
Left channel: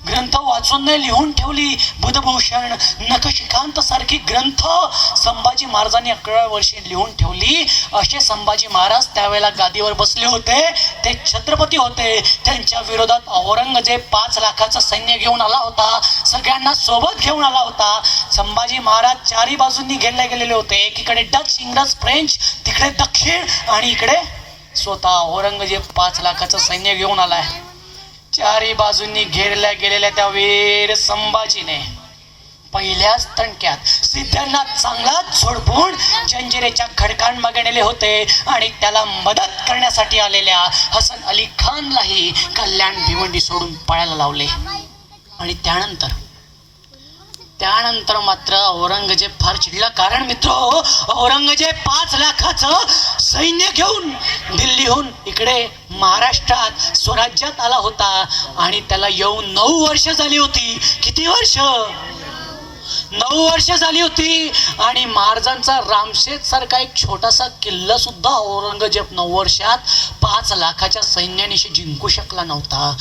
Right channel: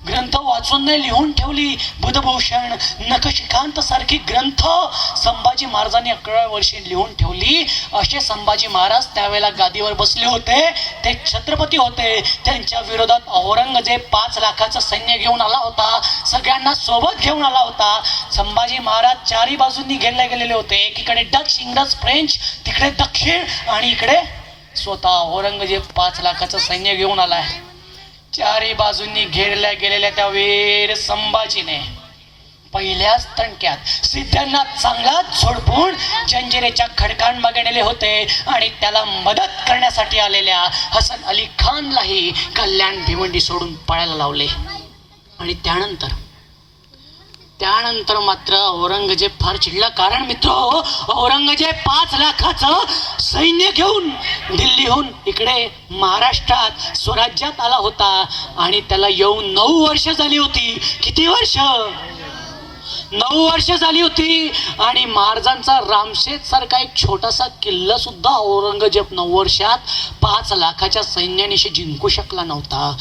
ग्रंथ वाचून नाही, लिहून ठेवली. बुधभूषण, नखशिखांत सारखी ग्रंथ संभाजी महाराजांनी 11व्या वर्षी लिहून ठेवली. असे संभाजी महाराज त्यावेळेला गादीवर बसले होते. ते छत्रपती होते. त्यांच्या विरोधात औरंगजेब 5 लाखाचं सैन्य घेऊन आला होता. सगळ्यांना सोबत घेऊन आला होता. संभाजी महाराज 4ही बाजूंनी घेरले गेलेले होते. एकीकडे डच, इंग्रज, फ्रेंच, तिकडे दक्षिण आणि इकडे स्वतः औरंगजेब 5 लाखाचं सैन्य घेऊन आलाय. 4ही बाजूंनी घेरल्या गेलेल्या त्या वीर संभाजीने पहिल्याच तणक्यात सिद्धांना चांगलाच झोडपून जंजिरेच्या खडकांमागे नेले होते आणि त्याला मदत करण्यासाठी आलेल्या हसन अली खानलाही कल्याण भिवंडी सोडून पळायला लावले. आणि त्यानंतर मात्र औरंगजेब फार चिडला. कारण मित्र, औरंगजेब 5 लाखाचं सैन्य घेऊन दिल्लीहून इकडे महाराष्ट्रात स्वराज्यात आला होता आणि त्याला येऊन 9 वर्ष झाली होती. किती वर्ष? 9 वर्ष झाली होती. आणि महाराजांचा रामशेत सारखा एक छोटासा किल्ला सुद्धा औरंगजेब 9 वर्षात 5 लाखाच्या सैन्यानिशी जिंकू शकला नव्हता.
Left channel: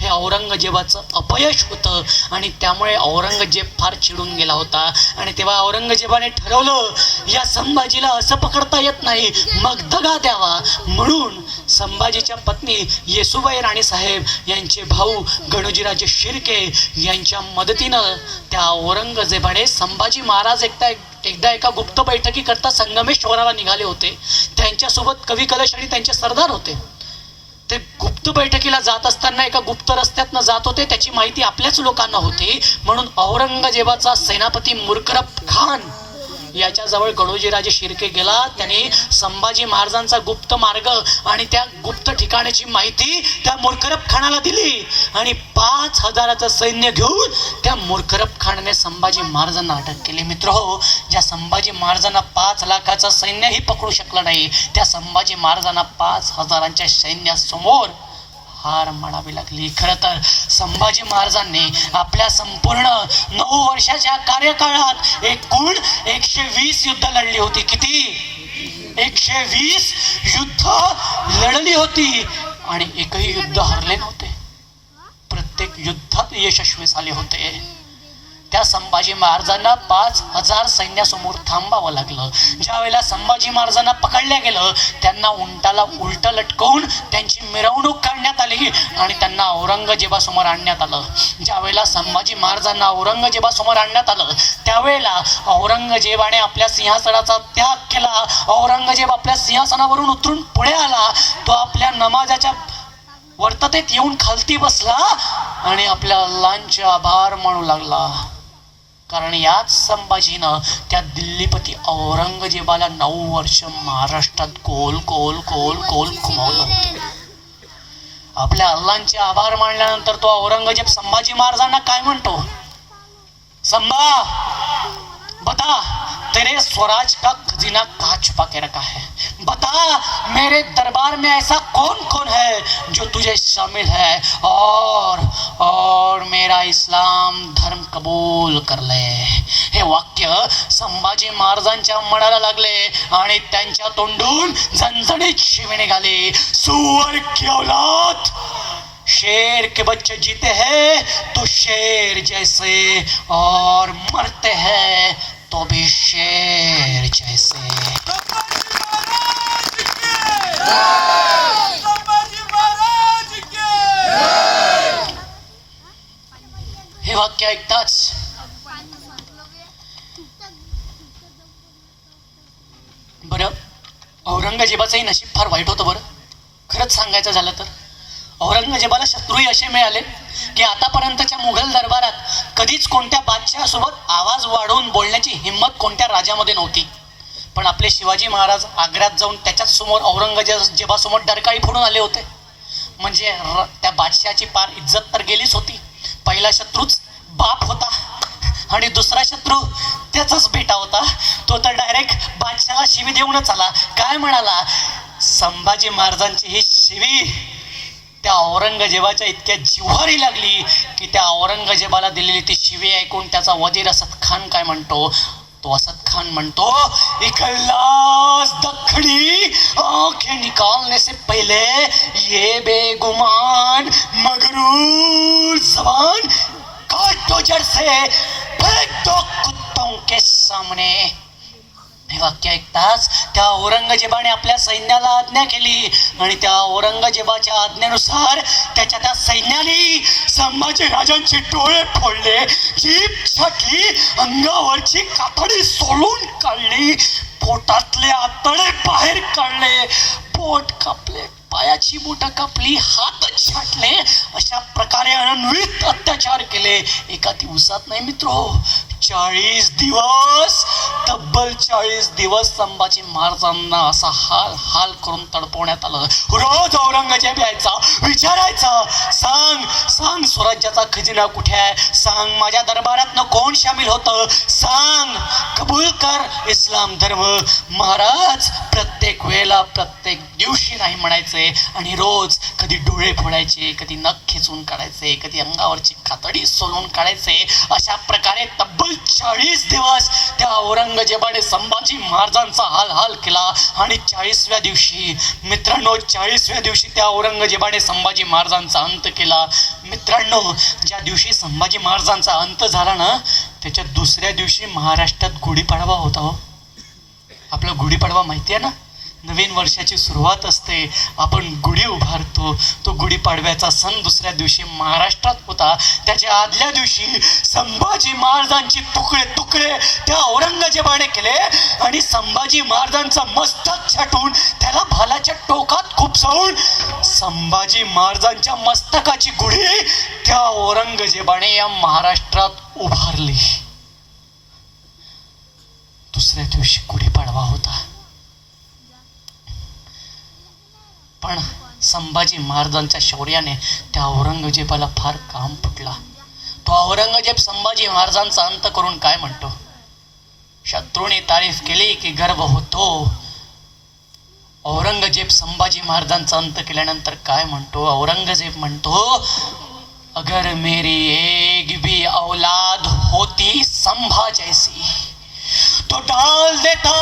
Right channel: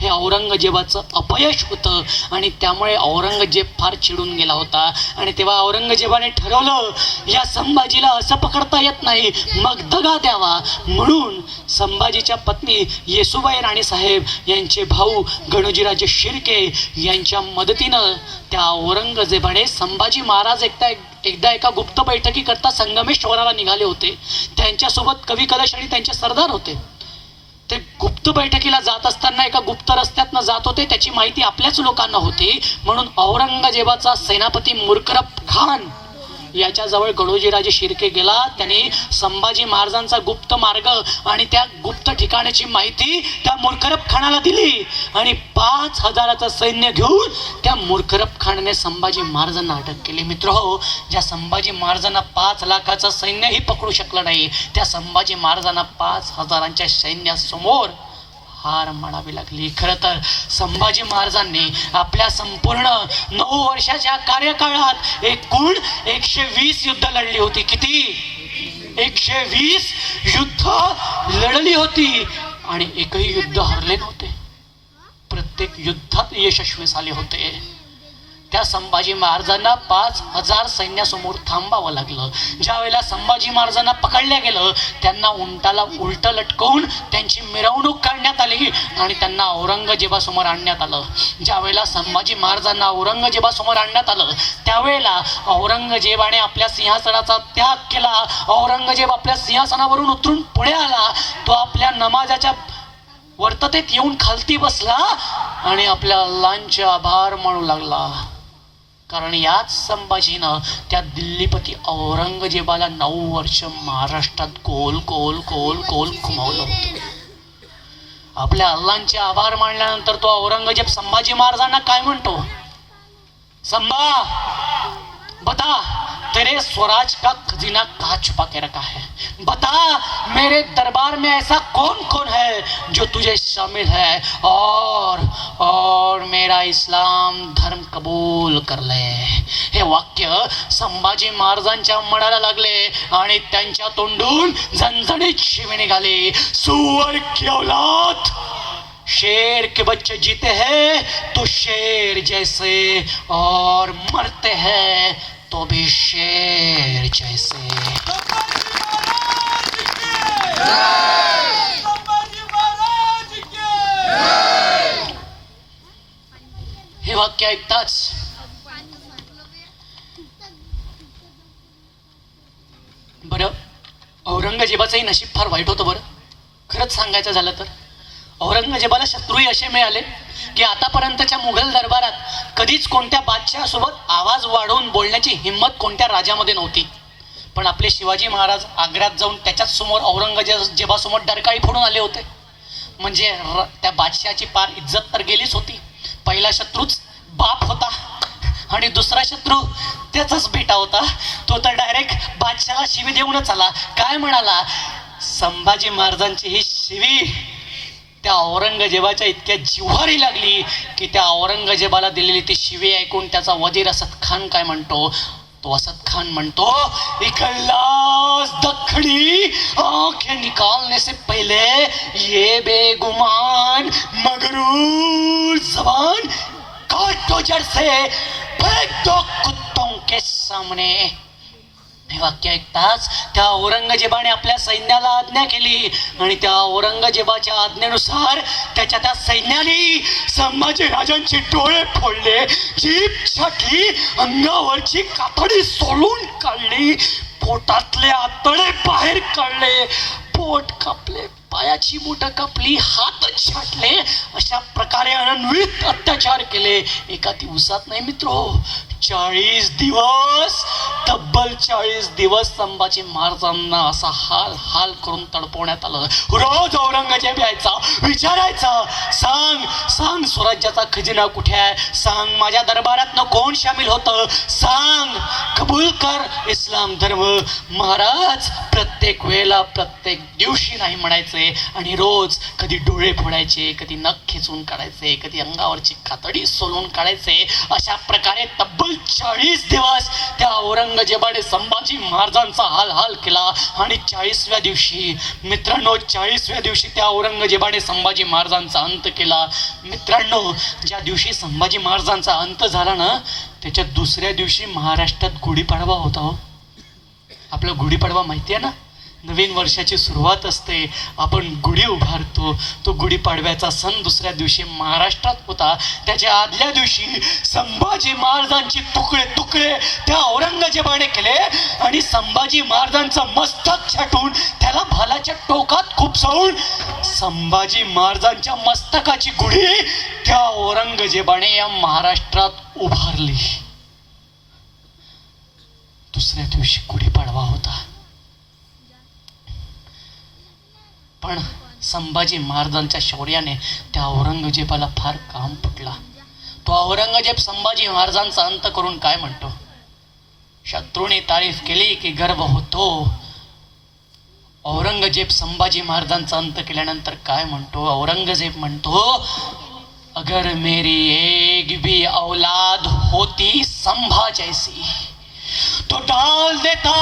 हे औरंगजेबाचं अपयश होतं आणि त्यामुळे औरंगजेब फार चिडून गेला होता. आणि तेव्हा औरंगजेबाने ठरवलं, या संभाजीला असं पकडता येत नाही, मग दगा द्यावा. म्हणून संभाजीच्या पत्नी येसुबाई राणीसाहेब यांचे भाऊ गणोजीराजे शिर्के यांच्या मदतीनं त्या औरंगजेबाने संभाजी महाराज एकदा एका गुप्त बैठकी करता संगमेश्वराला निघाले होते. त्यांच्यासोबत कवी कलश आणि त्यांचे सरदार होते. ते गुप्त बैठकीला जात असताना एका गुप्त रस्त्यातनं जात होते. त्याची माहिती आपल्याच लोकांना होती. म्हणून औरंगजेबाचा सेनापती मुर्करब खान याच्याजवळ गणोजीराजे शिर्के गेला. त्यांनी संभाजी महाराजांचा गुप्त मार्ग आणि त्या गुप्त ठिकाणाची माहिती त्या मुर्करब खानाला दिली आणि 5,000चं सैन्य घेऊन त्या मुर्करब खानाने संभाजी महाराजांना अटक केली. मित्रहो, ज्या संभाजी महाराजांना 5 लाखाचं सैन्यही पकडू शकलं नाही, त्या संभाजी महाराजांना 5,000च्या सैन्यासमोर हार मानावी लागली. खरं तर संभाजी महाराजांनी आपल्या संपूर्ण 9 वर्षाच्या कार्यकाळात एकूण 120 युद्ध लढली होती. किती? 120 युद्ध लढली होती आणि एकही युद्ध हरले नव्हते. प्रत्येक युद्धात यशस्वी झाले होते. त्या संभाजी महाराजांना 5,000 सैन्यासमोर थांबावं लागलं. ज्या वेळेला संभाजी महाराजांना पकडल्या गेलं, त्यांना उंटाला उलट लटकवून त्यांची मिरवणूक काढण्यात आली आणि त्यांना औरंगजेबासमोर आणण्यात आलं. ज्या वेळेला संभाजी महाराजांना औरंगजेबासमोर आणण्यात आलं, त्यावेळेला औरंगजेबाने आपल्या सिंहासनाचा त्याग केला. औरंगजेब आपल्या सिंहासनावरून उतरून पुढे आला. तो आपल्या नमाजाच्या वर्ततेत येऊन खालती बसला आणि आपल्या अल्लाहचे आभार मानू लागला. कारण याच संभाजीनं त्या दिल्लीपती औरंगजेबाला 9 वर्ष महाराष्ट्रात गोल गोल गोल गोल घुमवलं होतं. आपल्या अल्लाहचे आभार मानल्यानंतर तो औरंगजेब संभाजी महाराजांना काय म्हणतो? संभा, बता तेरे स्वराज का खजीना कहाँ छुपा के रखा है? बता मेरे दरबार में ऐसा कौन कौन है जो तुझे शामिल है और मेरा इस्लाम धर्म कबूल कर ले. हे वाक्य संभाजी महाराजांच्या मनाला लागले आणि त्यांच्या तोंडून झणझणीत शिवी निघाली. सुअर की औलाद, शेर के बच्चे जीते हैं तो शेर जैसे और मरते हैं तो भी शेर जैसे. हे वाक्य ऐकताच बरं, औरंगजेबाचंही नशीब फार वाईट होतं. बरं, खरंच सांगायचं झालं तर औरंगजेबाला शत्रूही असे मिळाले की आतापर्यंतच्या मुघल दरबारात कधीच कोणत्या बादशहासोबत आवाज वाढवून बोलण्याची हिंमत कोणत्या राजामध्ये नव्हती. पण आपले शिवाजी महाराज आग्र्यात जाऊन त्याच्याच समोर औरंगजेबासमोर डरकाळी फोडून आले होते. म्हणजे त्या बादशहाची पार इज्जत तर गेलीच होती. पहिला शत्रूच बाप होता आणि दुसरा शत्रू त्याचाच बेटा होता. तो तर डायरेक्ट बादशहाला शिवी देऊनच आला. काय म्हणाला? संभाजी महाराजांची ही शिवी त्या औरंगजेबाच्या इतक्या जिव्हारी लागली की त्या औरंगजेबाला दिलेली ती शिवी ऐकून त्याचा वजीर असद खान काय म्हणतो? तो असद खान म्हणतो, इखलास दखनी आंखें निकालने से पहले ये बेगुमान मगरूर जबान काट दो जड़ से, फेंक दो कुत्तों के सामने. हे वाक्य ऐकताच त्या औरंगजेबाने आपल्या सैन्याला आज्ञा केली आणि त्या औरंगजेबाच्या आज्ञेनुसार त्या सैन्याने संभाजी राजांचे डोळे फोडले, जीभ छाटली, अंगावरची कातडी सोलून काढली, पोटातले आतडे बाहेर काढले, पोट कापले, पायाची बोटं कापली, हात छाटले. अशा प्रकारे अनन्वित अत्याचार केले. एका दिवसात नाही मित्रो, 40 दिवस, तब्बल 40 दिवस संभाजी महाराजांना असा हाल हाल करून तडपवण्यात आलं. रोज औरंगजेब यायचा, विचारायचा, सांग सांग स्वराज्याचा खजिना कुठे आहे? सांग माझ्या दरबारातनं कोण शामिल होतं? सांग, कबूल कर इस्लाम धर्म. महाराज प्रत्येक वेळेला प्रत्येक दिवशी नाही म्हणायचे आणि रोज कधी डोळे फोडायचे, कधी नख खेचून काढायचे, कधी अंगावरची कातडी सोलून काढायचे. अशा प्रकारे तब्बल 40 दिवस त्या औरंगजेबाने संभाजी महाराजांचा हाल हाल केला. आणि 40व्या दिवशी मित्रांनो, 40व्या दिवशी त्या औरंगजेबाने संभाजी महाराजांचा अंत केला. मित्रांनो, ज्या दिवशी संभाजी महाराजांचा अंत झाला ना, त्याच्या दुसऱ्या दिवशी महाराष्ट्रात गुढीपाडवा होता. हो, आपला गुढीपाडवा माहिती आहे ना, नवीन वर्षाची सुरुवात असते, आपण गुढी उभारतो. तो गुढीपाडव्याचा सण दुसऱ्या दिवशी महाराष्ट्रात होता. त्याच्या आदल्या दिवशी संभाजी महाराजांचे तुकडे तुकडे त्या औरंगजेबाने केले आणि संभाजी महाराजांचं मस्तक छाटून त्याला भालाच्या टोकात खुपसवून संभाजी महाराजांच्या मस्तकाची गुढी त्या औरंगजेबाने या महाराष्ट्रात उभारली. दुसऱ्या दिवशी गुढीपाडवा होता. पण संभाजी महाराजांच्या शौर्याने त्या औरंगजेबाला फार काम पटला. तो औरंगजेब संभाजी महाराजांचा अंत करून काय म्हणतो? शत्रूने तारीफ केली की गर्व होतो. औरंगजेब संभाजी महाराजांचा अंत केल्यानंतर काय म्हणतो? औरंगजेब म्हणतो, अगर मेरी एक भी औलाद होती संभा जैसी तो डाल देता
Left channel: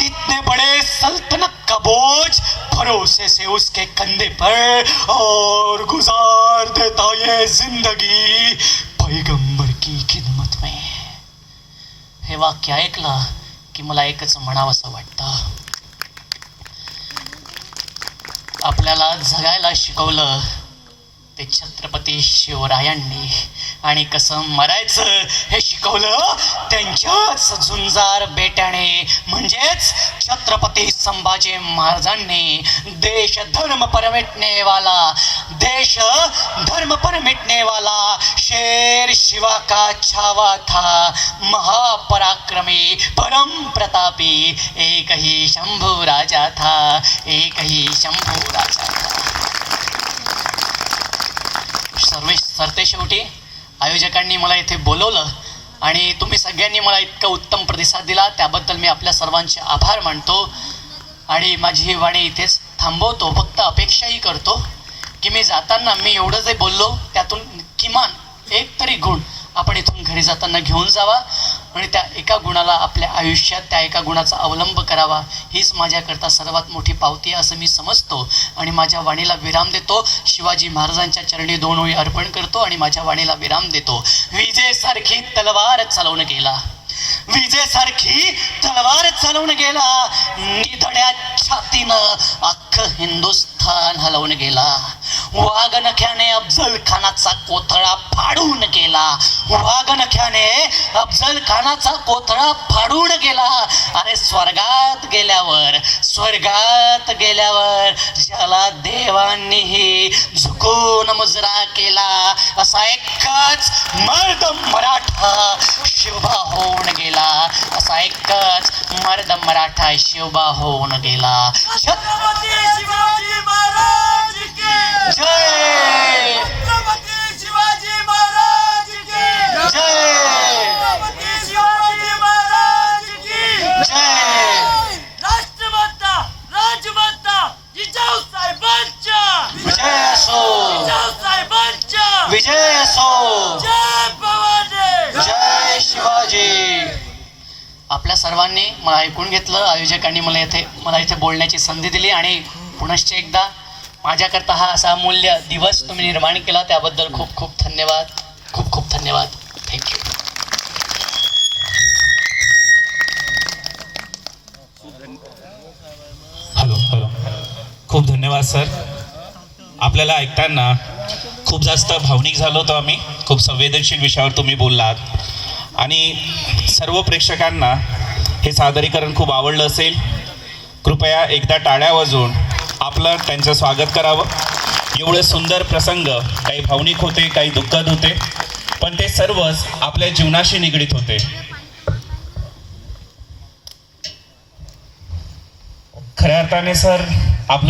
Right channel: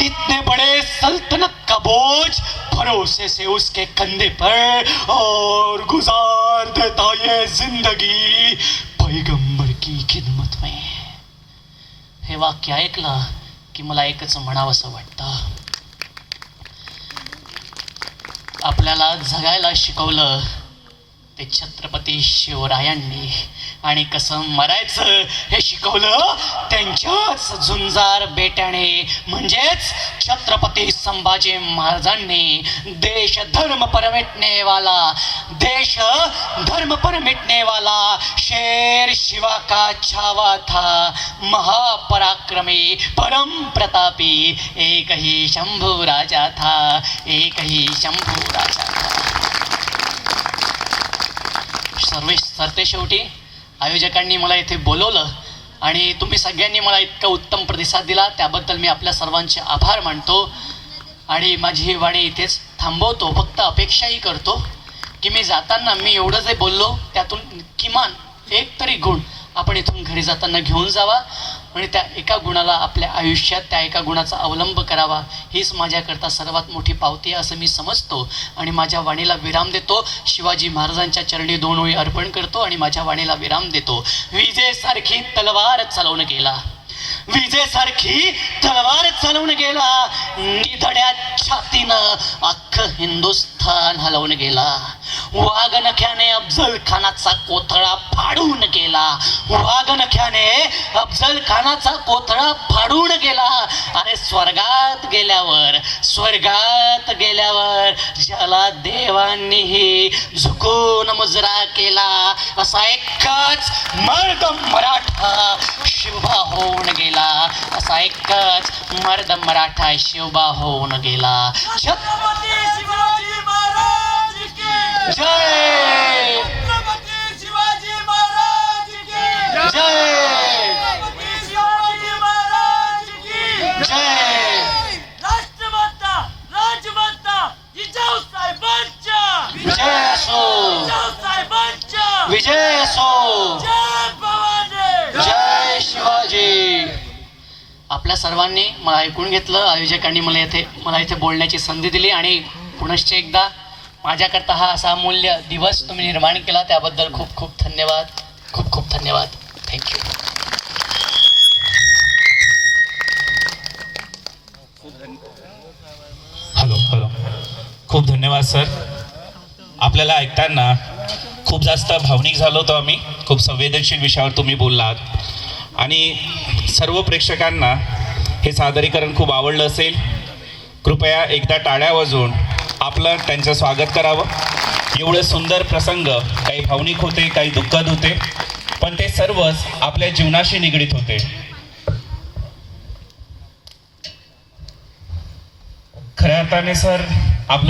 इतने बड़े सल्तनत का बोझ भरोसे से उसके कंधे पर और गुजार देता ये जिंदगी पैगंबर की खिदमत में. हे वाक्य ऐकलं की मला एकच म्हणावं असं वाटतं. आपल्याला जगायला शिकवलं ते छत्रपती शिवरायांनी आणि कसं मरायचं हे शिकवलं त्यांच्याच झुंजार बेट्याने म्हणजेच छत्रपती संभाजी महाराजांनी. देश धर्म पर मिटने वाला शेर शिवा का छावा था, महापराक्रमी परम प्रतापी एक ही शंभू राजा था, एक ही शंभू राजा था. सरते शेवटी आयोजकांनी मला इथे बोलवलं आणि तुम्ही सगळ्यांनी मला इतका उत्तम प्रतिसाद दिला त्याबद्दल मी आपल्या सर्वांचे आभार मानतो. आणि माझी ही वाणी इथेच थांबवतो. फक्त अपेक्षाही करतो की मी जाताना मी एवढं जे बोललो त्यातून किमान एक तरी गुण आपण इथून घरी जाताना घेऊन जावा आणि त्या एका गुणाला आपल्या आयुष्यात त्या एका गुणाचा अवलंब करावा. हीच माझ्याकरता सर्वात मोठी पावती आहे असं मी समजतो आणि माझ्या वाणीला विराम देतो. शिवाजी महाराजांच्या चरणी 2 ओळी अर्पण करतो आणि माझ्या वाणीला विराम देतो. विजेसारखी तलवार चालवून गेला, विजेसारखी तलवार चालवून गेला, निधड्या छातीनं अख्खं हिंदुस्थान हलवून गेला. वाघनख्याने अफजल खानाचा कोथळा फाडून गेला, वाघनख्याने अफजल खानाचा कोथळा फाडून गेला. अरे स्वर्गात गेल्यावर ज्याला देवांनीही झुकून मुजरा केला असा एकच मर्द मराठा शिवबा होऊन गेला, असा एकच मर्द मराठा शिवबा होऊन गेला. छत्रपती शिवाजी महाराज की जय, छत्रपती शिवाजी महाराज की जय, छत्रपती शिवाजी महाराज की जय. राजमाता जिजाऊ साहेबांच्या विजय असो, जिजाऊ साहेबांच्या विजय असो, जय भवानी, जय शिवाजी. आपल्या सर्वांनी मला ऐकून घेतलं. आयोजकांनी मला इथे बोलण्याची संधी दिली आणि पुनश्च एकदा माझ्याकरता हा असा अमूल्य दिवस तुम्ही निर्माण केला त्याबद्दल खूप खूप धन्यवाद. खूप खूप धन्यवाद. थँक्यू. हॅलो. खूप धन्यवाद सर. आपल्याला ऐकताना खूप जास्त भावनिक झालो होतो आम्ही. खूप संवेदनशील विषयावर तुम्ही बोललात आणि सर्व प्रेक्षकांना हे सादरीकरण खूप आवडलं असेल. कृपया एकदा टाळ्या वाजवून आपलं त्यांचं स्वागत करावं. एवढं सुंदर प्रसंग काही भावनिक होते, काही दुःखद होते, पण ते सर्वच आपल्या जीवनाशी निगडीत होते. खऱ्या अर्थाने सर आपल्या